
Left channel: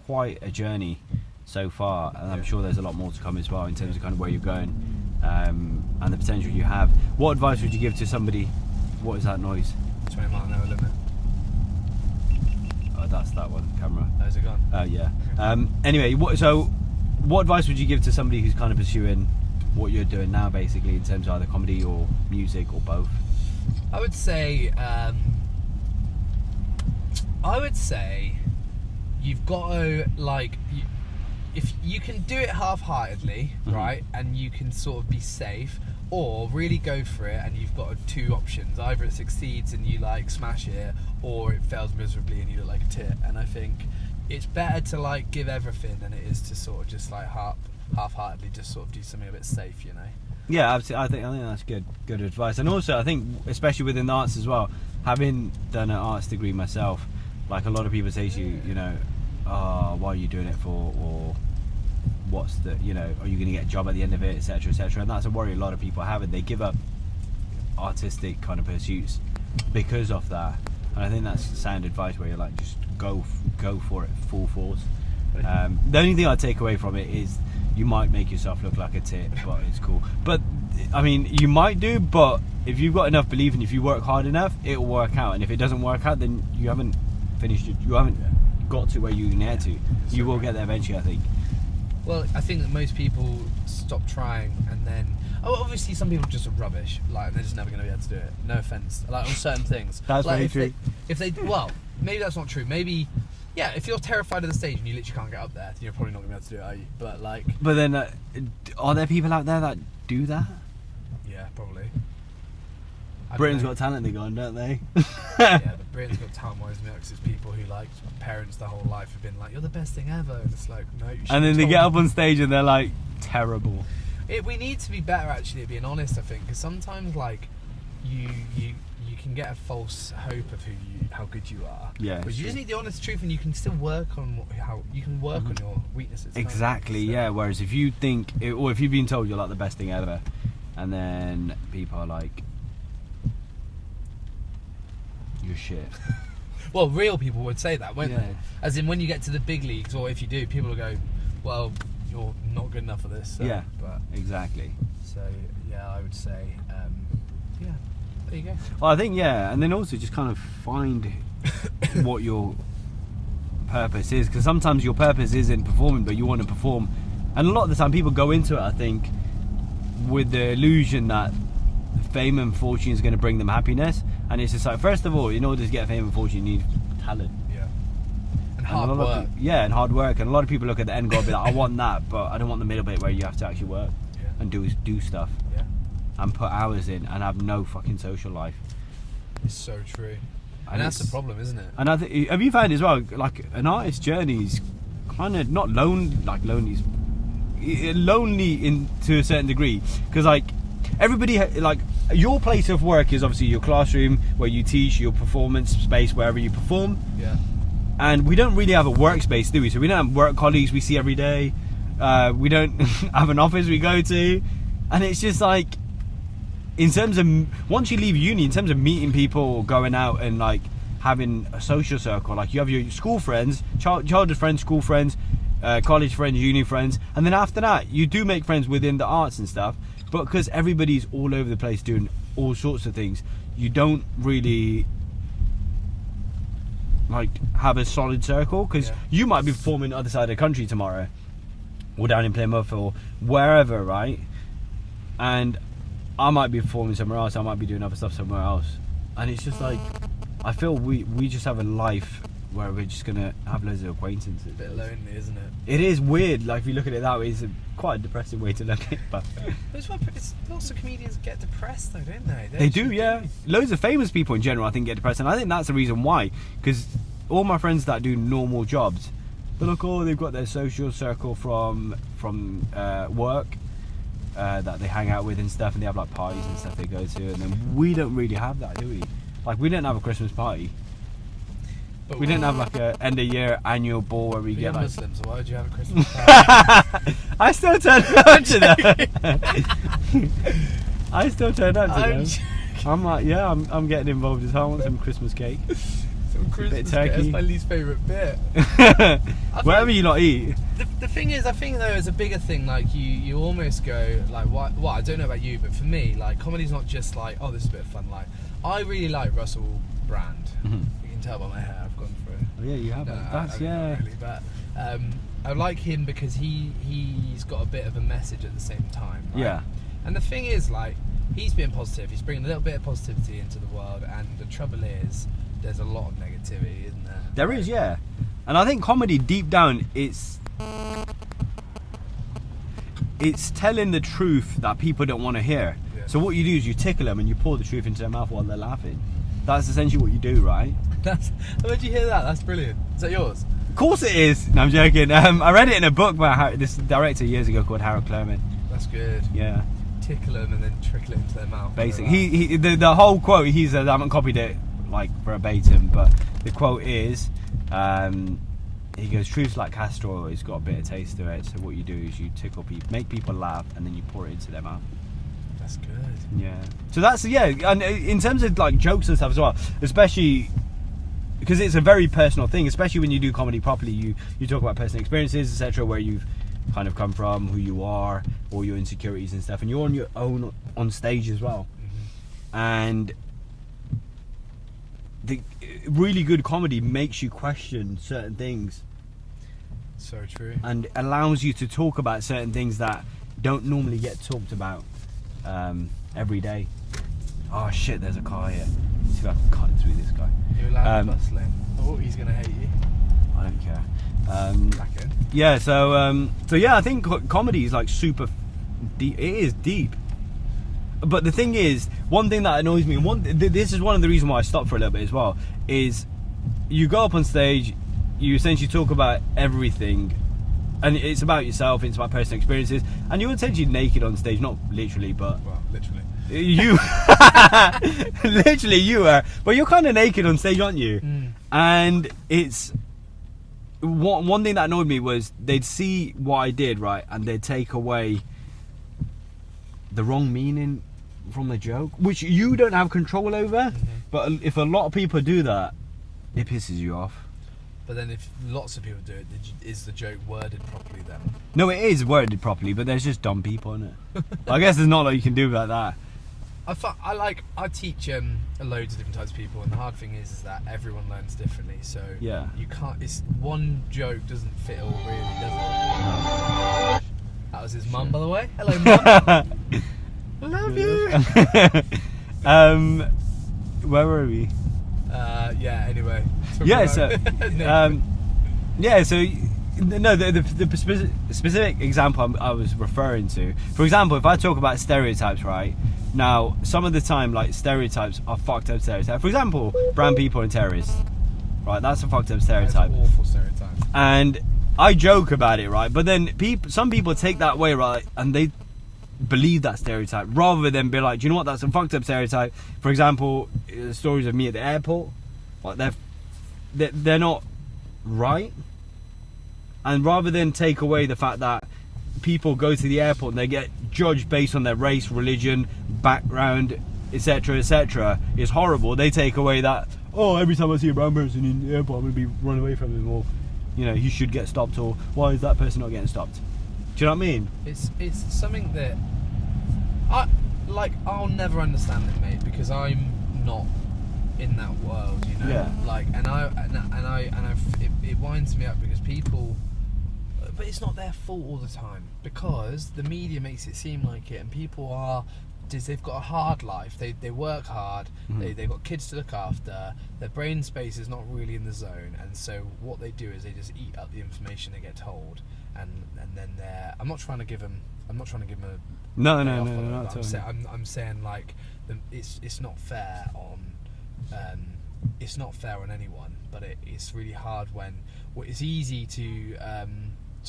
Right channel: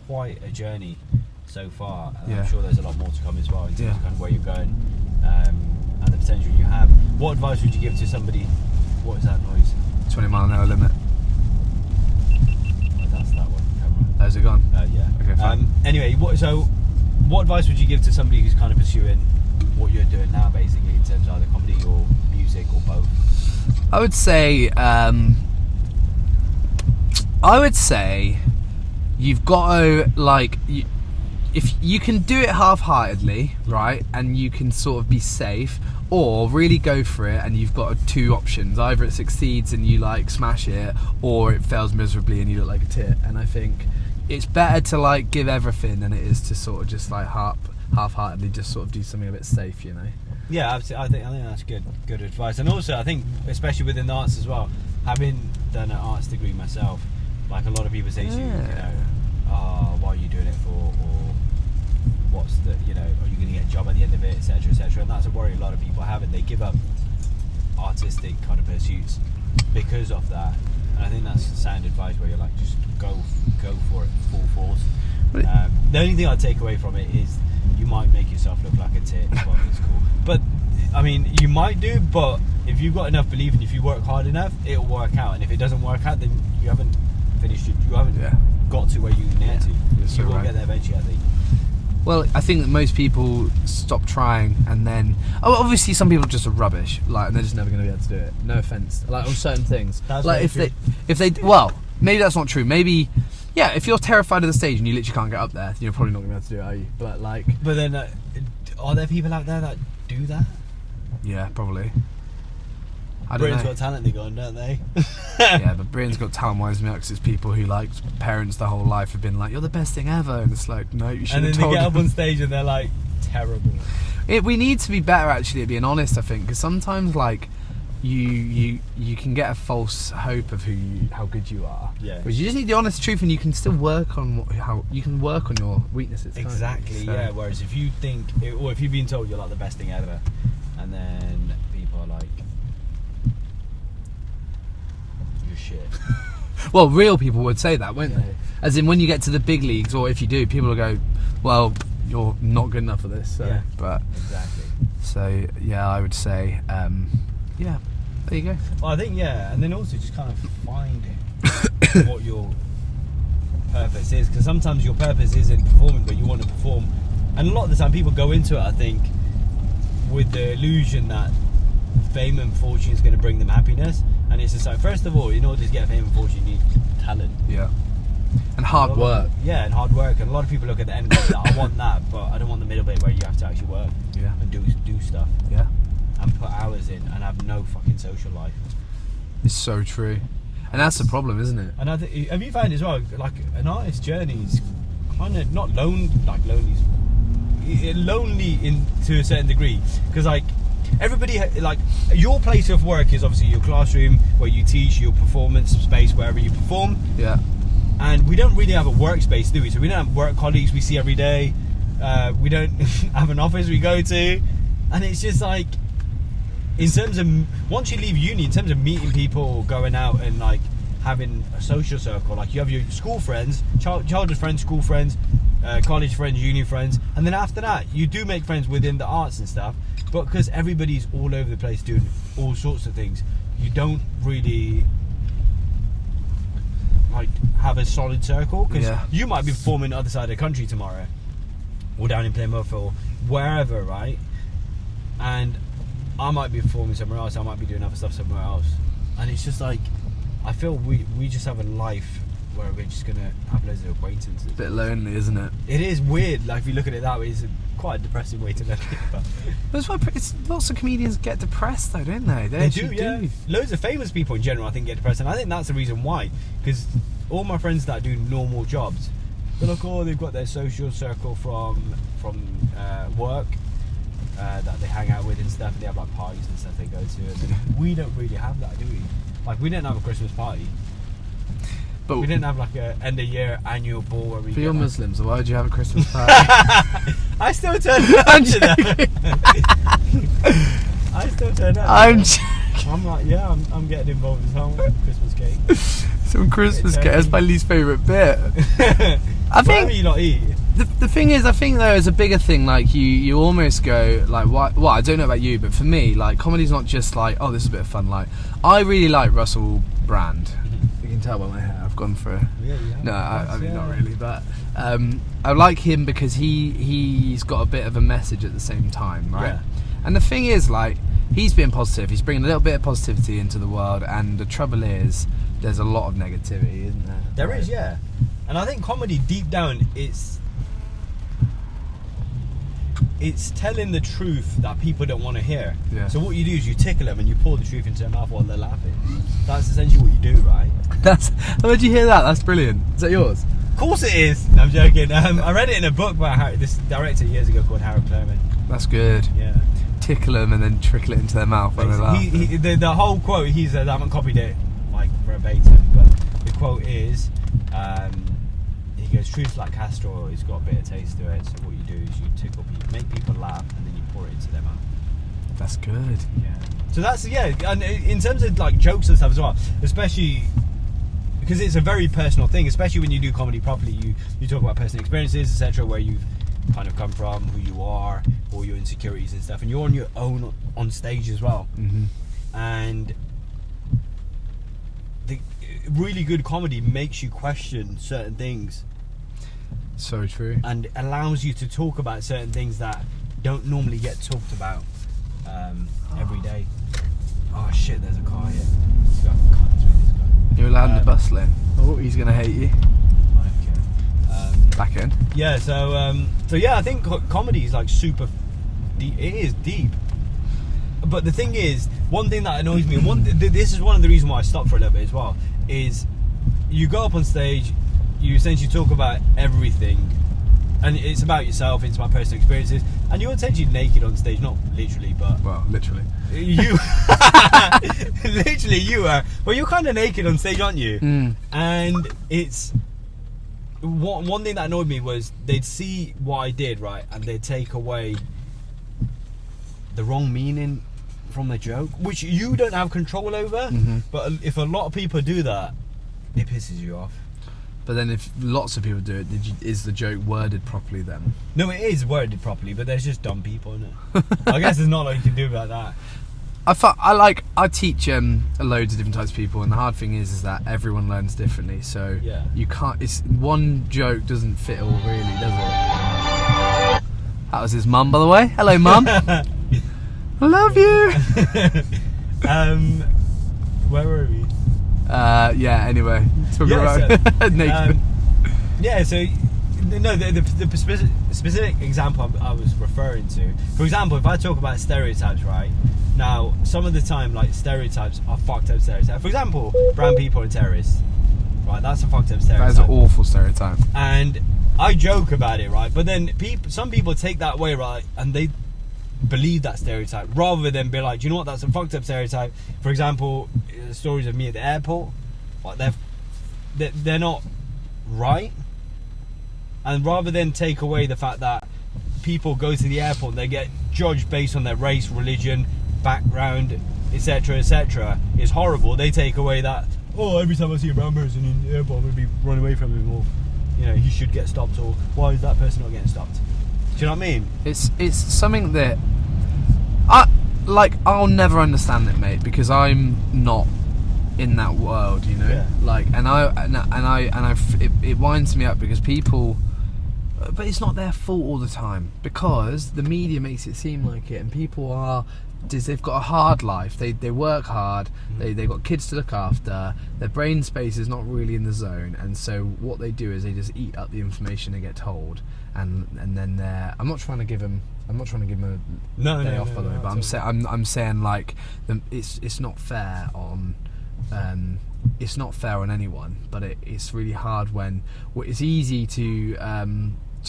quite a journey so far, and I'm sure there's a lot more to come as well in terms of kind of where you're going and the potential you have. What advice would you give to somebody? What is that noise? 20-mile-an-hour limit. Oh, that's that one. Camera. How's it gone? Yeah. Okay, fine. Anyway, what advice would you give to somebody who's kind of pursuing what you're doing now, basically, in terms of either comedy or music or both? I would say you've got to, like, if you can do it half-heartedly, right, and you can sort of be safe, or really go for it, and you've got two options: either it succeeds and you like smash it, or it fails miserably and you look like a tit. And I think it's better to like give everything than it is to sort of just like half-heartedly just sort of do something a bit safe, you know. Yeah, absolutely. I think that's good advice. And also, I think, especially within the arts as well, having done an arts degree myself, like a lot of people say to you, you know, oh, what are you doing it for, or what's the, you know, are you going to get a job at the end of it, etc., etc. And that's a worry a lot of people have, and they give up artistic kind of pursuits because of that. And I think that's sound advice, where you're like, just go for it, full force. The only thing I take away from it is you might make yourself look like a tit, but it's cool. But I mean, you might do, but if you've got enough belief and if you work hard enough, it'll work out. And if it doesn't work out, then you haven't finished it. You haven't got to where you can get to. You will get there eventually, I think. Well, I think that most people stop trying, and then obviously some people just are rubbish, like, and they're just never going to be able to do it. No offense, like on certain things. That's like if they well, maybe that's not true. Maybe, yeah, if you're terrified of the stage and you literally can't get up there, you're probably not going to be able to do it, are you? But like, but then are there people out there that do that? Yeah, probably. Britain's Got Talent, they got, don't they? Yeah, but Britain's Got Talent winds me up because it's people who, like, parents their whole life have been like, you're the best thing ever, and it's like, no, you shouldn't. And then they get up on stage and they're like, terrible. We need to be better, actually, at being honest, I think, because sometimes, like, you can get a false hope of how good you are. Yeah. But you just need the honest truth, and you can still work on your weaknesses. Exactly. So. Yeah. Whereas if you think, or if you've been told you're like the best thing ever, and then people are like, you're shit. Well, real people would say that, won't they? As in, when you get to the big leagues, or if you do, people will go, well, you're not good enough for this. So. Yeah. But exactly. So yeah, I would say, yeah. There you go. Well, I think, yeah, and then also just kind of find what your purpose is, because sometimes your purpose isn't performing, but you want to perform. And a lot of the time people go into it, I think, with the illusion that fame and fortune is going to bring them happiness. And it's just like, first of all, in order to get fame and fortune, you need talent. Yeah. And hard work. Yeah, and hard work. And a lot of people look at the end goal and be like, I want that, but I don't want the middle bit where you have to actually work and do stuff. Yeah. And put hours in and have no fucking social life. It's so true. And that's the problem, isn't it? And I think, have you found as well, like, an artist's journey is kind of not lonely in to a certain degree, because like everybody, like, your place of work is obviously your classroom where you teach, your performance space wherever you perform. Yeah. And we don't really have a workspace, do we? So we don't have work colleagues we see every day. We don't have an office we go to, and it's just like, in terms of, once you leave uni, in terms of meeting people, going out and like having a social circle, like you have your school friends, childhood friends, school friends, college friends, uni friends, and then after that you do make friends within the arts and stuff, but because everybody's all over the place doing all sorts of things, you don't really like have a solid circle, because you might be performing the other side of the country tomorrow, or down in Plymouth or wherever, right? And I might be performing somewhere else, I might be doing other stuff somewhere else, and it's just like, I feel we just have a life where we're just gonna have loads of acquaintances. A bit lonely, isn't it? It is weird, like if you look at it that way, it's quite a depressing way to look at it, but that's why lots of comedians get depressed though, don't they? They do. Loads of famous people in general, I think, get depressed, and I think that's the reason why, because all my friends that do normal jobs, they're like, oh, they've got their social circle from work, that they hang out with and stuff, and they have like parties and stuff they go to, and then we don't really have that, do we? Like, we don't have a Christmas party. But we didn't have like a end of year annual ball where we But get you're like... Muslim, so why would you have a Christmas party? I still turned on to that. I still turned on. I'm I'm like, yeah, I'm getting involved as well. I want some Christmas cake. some Christmas cake. That's my least favourite bit. I Whatever think you not eat. the thing is, I think there is a bigger thing. Like you almost go like, what? Well, I don't know about you, but for me, like comedy's not just like, oh, this is a bit of fun. Like I really like Russell Brand. You can tell by my hair. I've gone for a... Oh, yeah, you have. No, I mean, yeah. not really, but I like him because he's got a bit of a message at the same time, right? Yeah. And the thing is, like, he's being positive. He's bringing a little bit of positivity into the world, and the trouble is, there's a lot of negativity, isn't there? There is, yeah. And I think comedy, deep down, it's telling the truth that people don't want to hear. Yeah. So what you do is you tickle them and you pour the truth into their mouth while they're laughing. That's essentially what you do, right? Where'd you hear that? That's brilliant. Is that yours? Of course it is. No, I'm joking. I read it in a book by this director years ago called Harold Clerman. That's good. Yeah. Tickle them and then trickle it into their mouth. Basically, the whole quote, he says, I haven't copied it like verbatim, but the quote is, he goes, truth's like castor oil, it's got a bit of taste to it, so what you do is you tickle people, make people laugh, and then you pour it into their mouth. That's good. Yeah. So that's, yeah, and in terms of like jokes and stuff as well, especially because it's a very personal thing, especially when you do comedy properly, you talk about personal experiences, etc., where you've kind of come from, who you are, all your insecurities and stuff, and you're on your own on stage as well. Mm-hmm. And the really good comedy makes you question certain things So true. and allows you to talk about certain things that don't normally get talked about every day. Oh shit, there's a car here. Let's go cut through this guy. You're allowed to bustle in. Oh, he's gonna hate you. I don't care. Back in. Yeah, so yeah, I think comedy is like super deep. It is deep. But the thing is, one thing that annoys me, this is one of the reasons why I stopped for a little bit as well, is you go up on stage, you essentially talk about everything, and it's about yourself, it's about personal experiences, and you're essentially naked on stage, not literally, but... Well, literally. You... literally you are, but you're kind of naked on stage, aren't you? Mm. And it's... One thing that annoyed me was they'd see what I did, right, and they'd take away the wrong meaning from the joke, which you don't have control over. Mm-hmm. But if a lot of people do that, it pisses you off. But then if lots of people do it, is the joke worded properly then? No, it is worded properly, but there's just dumb people in it. I guess there's not a lot you can do about that. I teach loads of different types of people, and the hard thing is that everyone learns differently. So Yeah. you can't. It's one joke doesn't fit all really, does it? That was his mum, by the way. Hello, mum. I love you. Where were we? Yeah. Anyway. Yeah, Naked. Yeah, so no, the specific example I was referring to. For example, if I talk about stereotypes, right? Now, some of the time, like stereotypes are fucked up stereotypes. For example, brown people and terrorists, right? That's a fucked up stereotype. That is an awful stereotype. And I joke about it, right? But then some people take that way, right? And they believe that stereotype rather than be like, do you know what? That's a fucked up stereotype. For example, stories of me at the airport, like they're not right. And rather than take away the fact that people go to the airport and they get judged based on their race, religion, background, etc., is horrible. They take away that, oh, every time I see a brown person in the airport, I'm going to be run away from him, or, you know, he should get stopped, or why is that person not getting stopped? Do you know what I mean? It's something that I'll never understand it, mate, because I'm not in that world, you know. Yeah. Like, it winds me up because people, but it's not their fault all the time, because the media makes it seem like it, and people they've got a hard life. They work hard. Mm-hmm. They've got kids to look after. Their brain space is not really in the zone, and so what they do is they just eat up the information they get told, and then I'm not trying to give them a day off on it, but I'm saying like it's not fair on. It's not fair on anyone, but it's really hard when it's easy to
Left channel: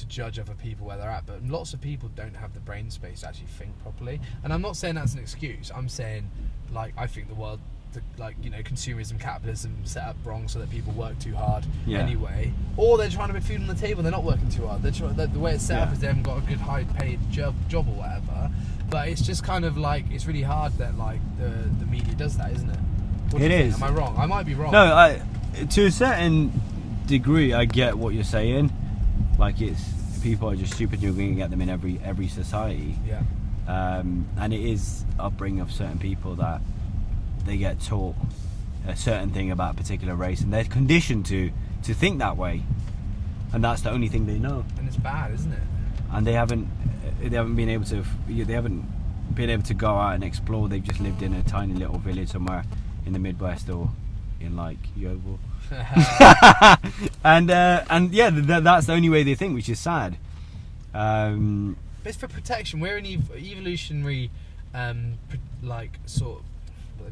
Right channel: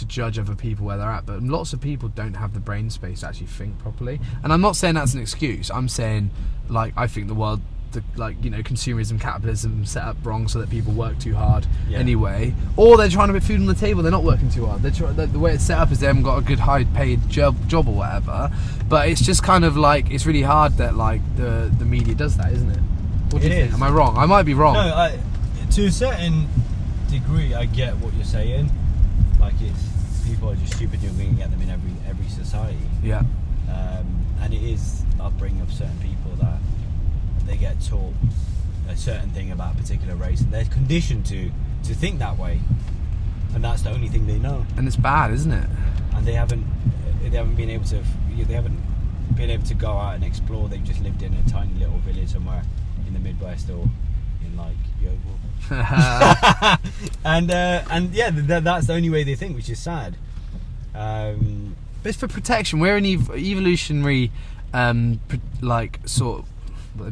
judge other people where they're at, but lots of people don't have the brain space to actually think properly. And I'm not saying that's an excuse. I'm saying, like, I think the world consumerism, capitalism set up wrong so that people work too hard Yeah. anyway, or they're trying to put food on the table, they're not working too hard. The way it's set up is they haven't got a good high paid job or whatever. But it's just kind of like, it's really hard that like the media does that, isn't it? What do you think? Am I wrong? I might be wrong. No, to a certain degree, I get what you're saying. Like, it's people are just stupid. You're going to get them in every society. Yeah. And it is upbringing of certain people that they get taught a certain thing about a particular race, and they're conditioned to think that way, and that's the only thing they know. And it's bad, isn't it? And they haven't been able to go out and explore. They've just lived in a tiny little village somewhere in the Midwest or in like Yeovil. and yeah, that's the only way they think, which is sad. But it's for protection. We're an evolutionary, let me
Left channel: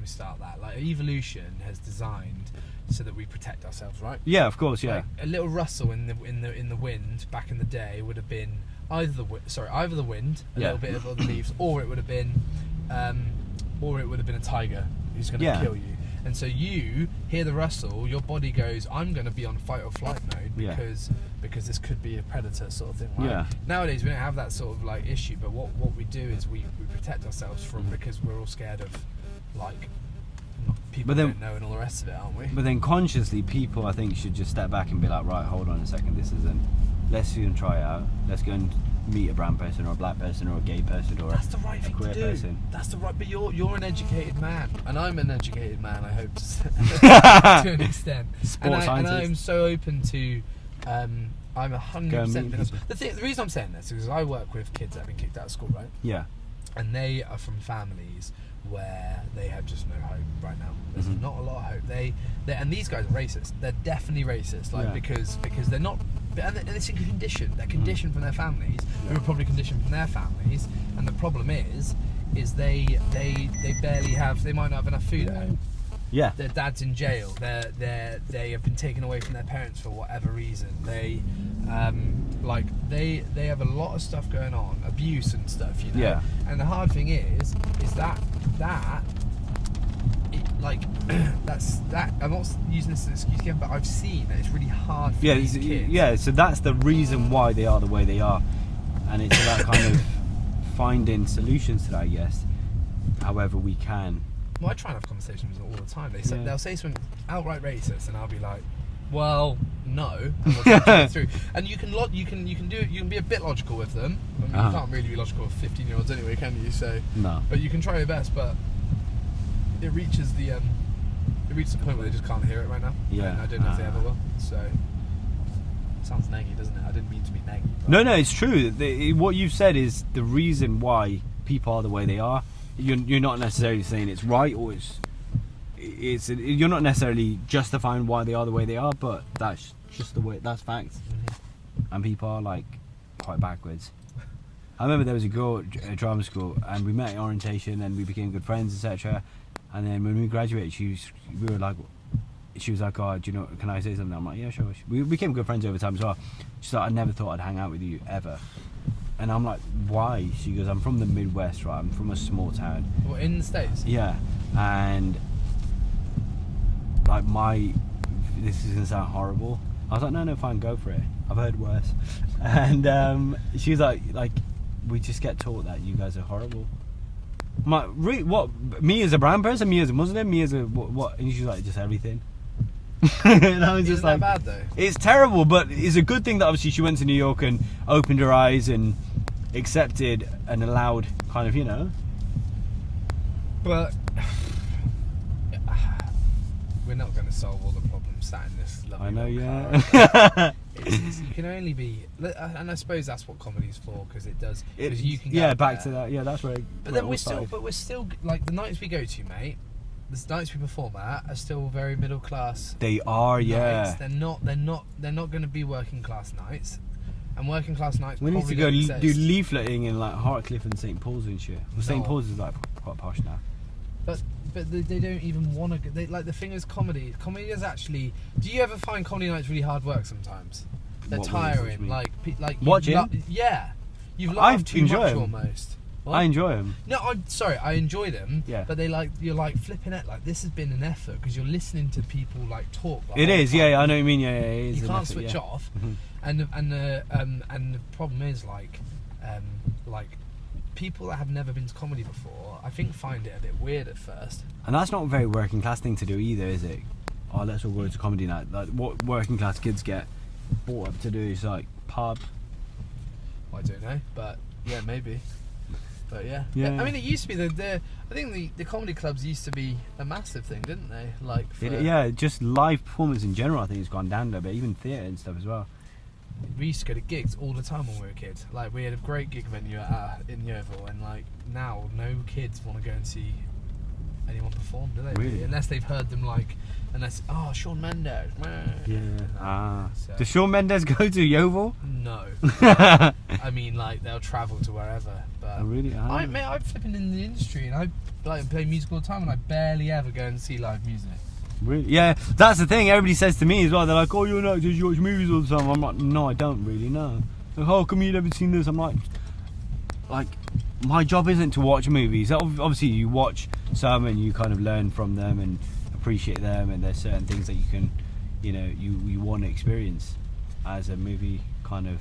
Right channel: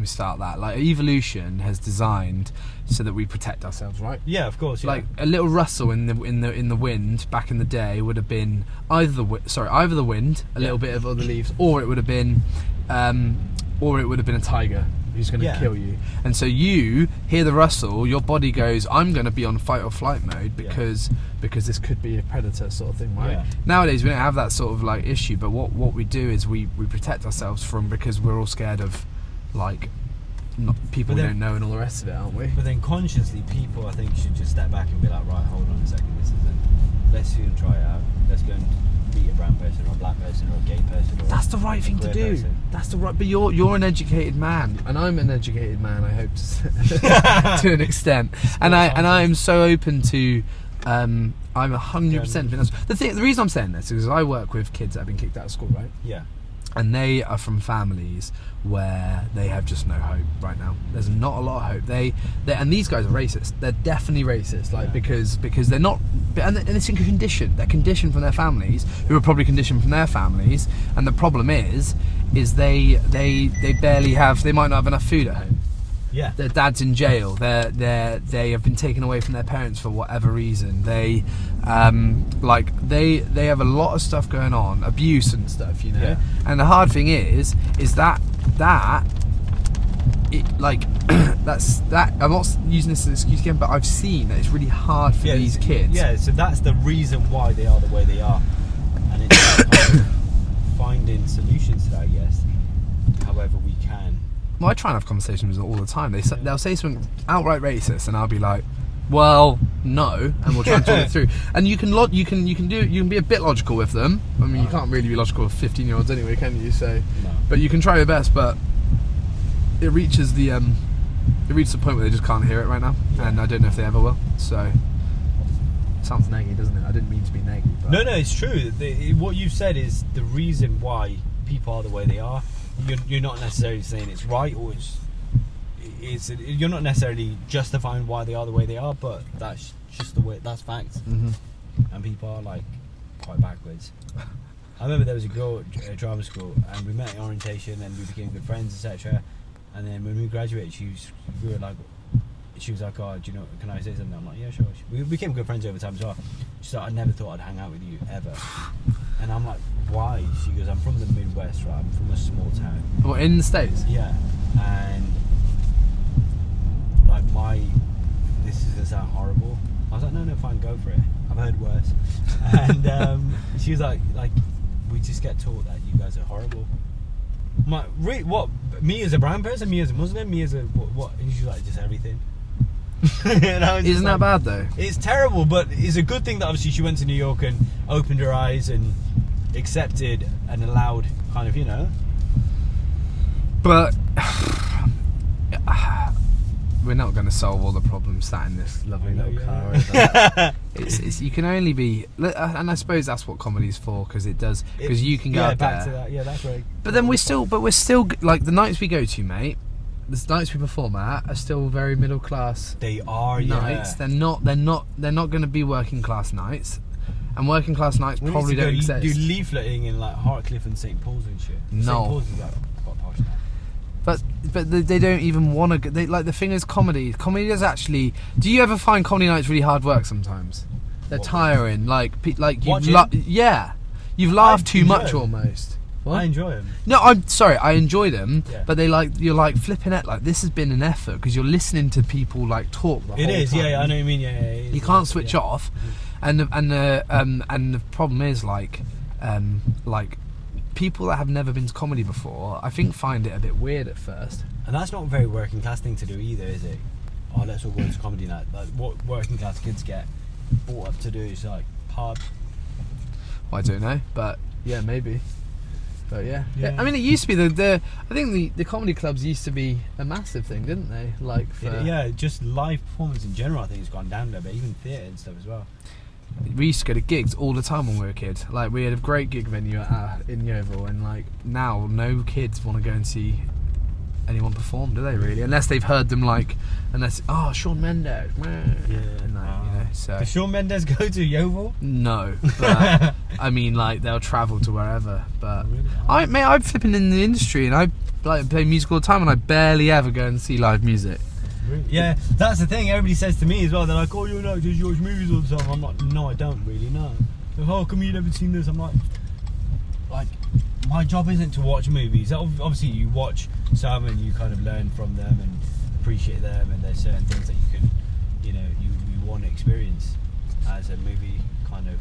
start that. Like, evolution has designed so that we protect ourselves, right? Yeah, of course. Yeah. Like a little rustle in the wind back in the day would have been either the wind, a little bit of other leaves, or it would have been a tiger who's going to kill you. And so you hear the rustle, your body goes, I'm going to be on fight or flight mode because this could be a predator sort of thing, right? Yeah. Nowadays we don't have that sort of like issue, but what we do is we protect ourselves because we're all scared of like people we don't know and all the rest of it, aren't we? But then consciously, people, I think, should just step back and be like, right, hold on a second, let's go and try it out. Let's go and meet a brown person or a black person or a gay person. Or that's the right thing to do. Person. That's the right. But you're an educated man, and I'm an educated man. I hope to to an extent. And I am so open to. I'm 100%. The reason I'm saying this is I work with kids that have been kicked out of school, right? Yeah. And they are from families where they have just no hope right now. There's not a lot of hope. And these guys are racist. They're definitely racist, because they're not, and it's in condition. They're conditioned from their families, who are probably conditioned from their families. And the problem is they barely have. They might not have enough food at home. Yeah. Their dad's in jail. They have been taken away from their parents for whatever reason. They they have a lot of stuff going on, abuse and stuff, you know. Yeah. And the hard thing is that that's that. I'm not using this as an excuse again, but I've seen that it's really hard for these kids. Yeah. So that's the reason why they are the way they are, and it's about kind of finding solutions to that, I guess, however we can. Well, I try and have conversations with them all the time. They'll say something outright racist, and I'll be like, "Well, no," and we'll try and talk it through. And you can be a bit logical with them. I mean, you can't really be logical with 15-year-olds anyway, can you? So, no. But you can try your best. But it reaches the point where they just can't hear it right now, and I don't know if they ever will. So, it sounds naggy, doesn't it? I didn't mean to be naggy. No, it's true. What you've said is the reason why people are the way they are. You're not necessarily saying it's right, or it's you're not necessarily justifying why they are the way they are, but that's just the way. That's facts. Mm-hmm. And people are like quite backwards. I remember there was a girl at drama school, and we met at orientation, and we became good friends, etc. And then when we graduated, she was like, "Oh, do you know? Can I say something?" I'm like, "Yeah, sure." We became good friends over time as well. She's like, "I never thought I'd hang out with you ever." And I'm like, "Why?" She goes, "I'm from the Midwest, right? I'm from a small town." Well, in the States? Yeah. And like this is gonna sound horrible. I was like, no, fine, go for it. I've heard worse. And she was like, we just get taught that you guys are horrible. I'm like, really? What? Me as a brown person? Me as a Muslim? Me as a what? And she's like, just everything. Isn't that bad though? It's terrible, but it's a good thing that obviously she went to New York and opened her eyes and accepted and allowed kind of, you know. But we're not going to solve all the problems sat in this lovely car. It's you can only be, and I suppose that's what comedy's for, because it does, because you can go back to that. Yeah, that's right. But then we're still like the nights we go to, mate. The nights we perform at are still very middle class. They are, nights. They're not going to be working class nights, and working class nights probably don't exist. Do leafleting in like Hartcliffe and St Paul's and shit. No. St Paul's is like quite posh now. But they don't even want to. They like the thing is comedy. Comedy is actually. Do you ever find comedy nights really hard work sometimes? They're tiring. Like you've laughed too much almost. What? I enjoy them. No, I'm sorry. I enjoy them, Yeah. but you're like flipping it. Like this has been an effort because you're listening to people like talk. The It whole is, time. yeah, I know what you mean. Yeah, it is You an can't effort, switch yeah. off, and the problem is like people that have never been to comedy before, I think find it a bit weird at first. And that's not a very working class thing to do either, is it? Oh, let's all go to comedy night. Like, what working class kids get brought up to do is like pub. I don't know, but yeah, maybe. But yeah. Yeah. I mean, it used to be I think the comedy clubs used to be a massive thing, didn't they? Like, Yeah, just live performance in general. I think it's gone down a bit, even theatre and stuff as well. we used to go to gigs all the time when we were a kid. Like, we had a great gig venue in Yeovil, and like now, no kids want to go and see anyone perform, do they? Really, unless they've heard them Shawn Mendes. So. Does Shawn Mendes go to Yeovil? No, but, I mean, like they'll travel to wherever. But Really? I'm flipping in the industry, and I like play music all the time, and I barely ever go and see live music. Really? Yeah, that's the thing. Everybody says to me as well. They're like, "Oh, you're not just you watch movies all the time." I'm like, "No, I don't really know." Like, "How come you never seen this?" I'm like, my job isn't to watch movies. Obviously, you watch some and you kind of learn from them and appreciate them, and there's certain things that you can, you want to experience as a movie kind of.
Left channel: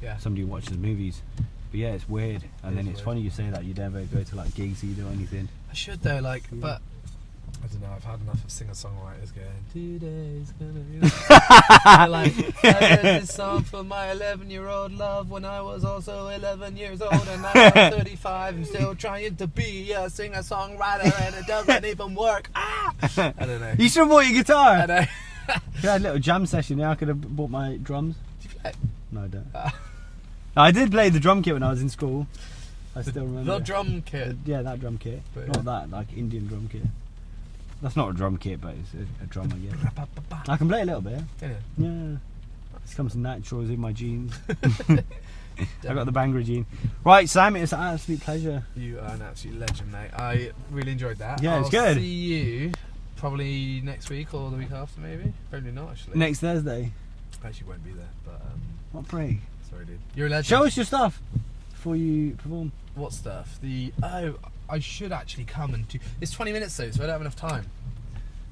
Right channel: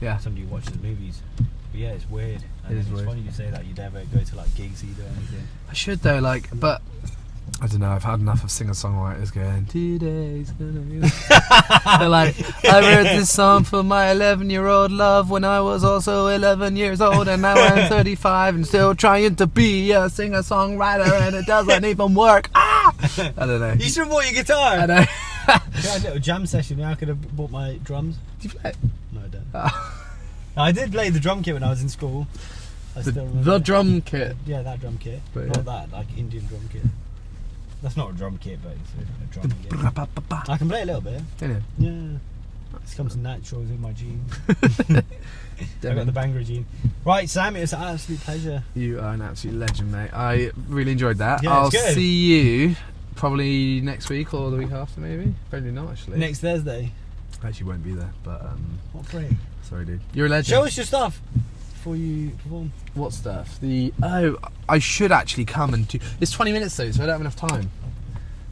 Yeah. Somebody who watches movies. But yeah, it's weird. And then it's weird. funny you say that you never go to like gigs either or anything. I should though, but I don't know. I've had enough of singer-songwriters going, "Today's gonna be." They're like, I wrote this song for my 11-year-old love when I was also 11 years old, and now I'm 35 and still trying to be a singer-songwriter, and it doesn't even work. Ah! I don't know. You should have bought your guitar. I know. We had a little jam session. Yeah, I could have bought my drums. Do you play? No, I don't. Oh. No, I did play the drum kit when I was in school. I still remember. The drum kit. Yeah, that drum kit. But Not yeah. that, like Indian drum kit. That's not a drum kit, but it's a drum, I guess. I can play a little bit. Anyway. Yeah. This comes natural, it's in my genes. I've got the Bhangra gene. Right, Sam, it's an absolute pleasure. You are an absolute legend, mate. I really enjoyed that. Yeah, I'll it's good. see you probably next week or the week after, maybe. Probably not, actually. Next Thursday. I actually won't be there, but What freak? sorry, dude. You're a legend. Show us your stuff before you perform. What stuff? I should actually come and do. It's 20 minutes though, so I don't have enough time.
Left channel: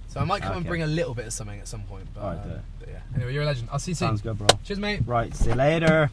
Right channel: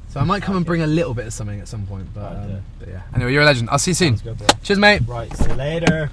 So I might come and Okay. bring a little bit of something at some point. But, Right, but yeah. Anyway, you're a legend. I'll see you soon. Sounds good, bro. Cheers, mate. Right, see you later.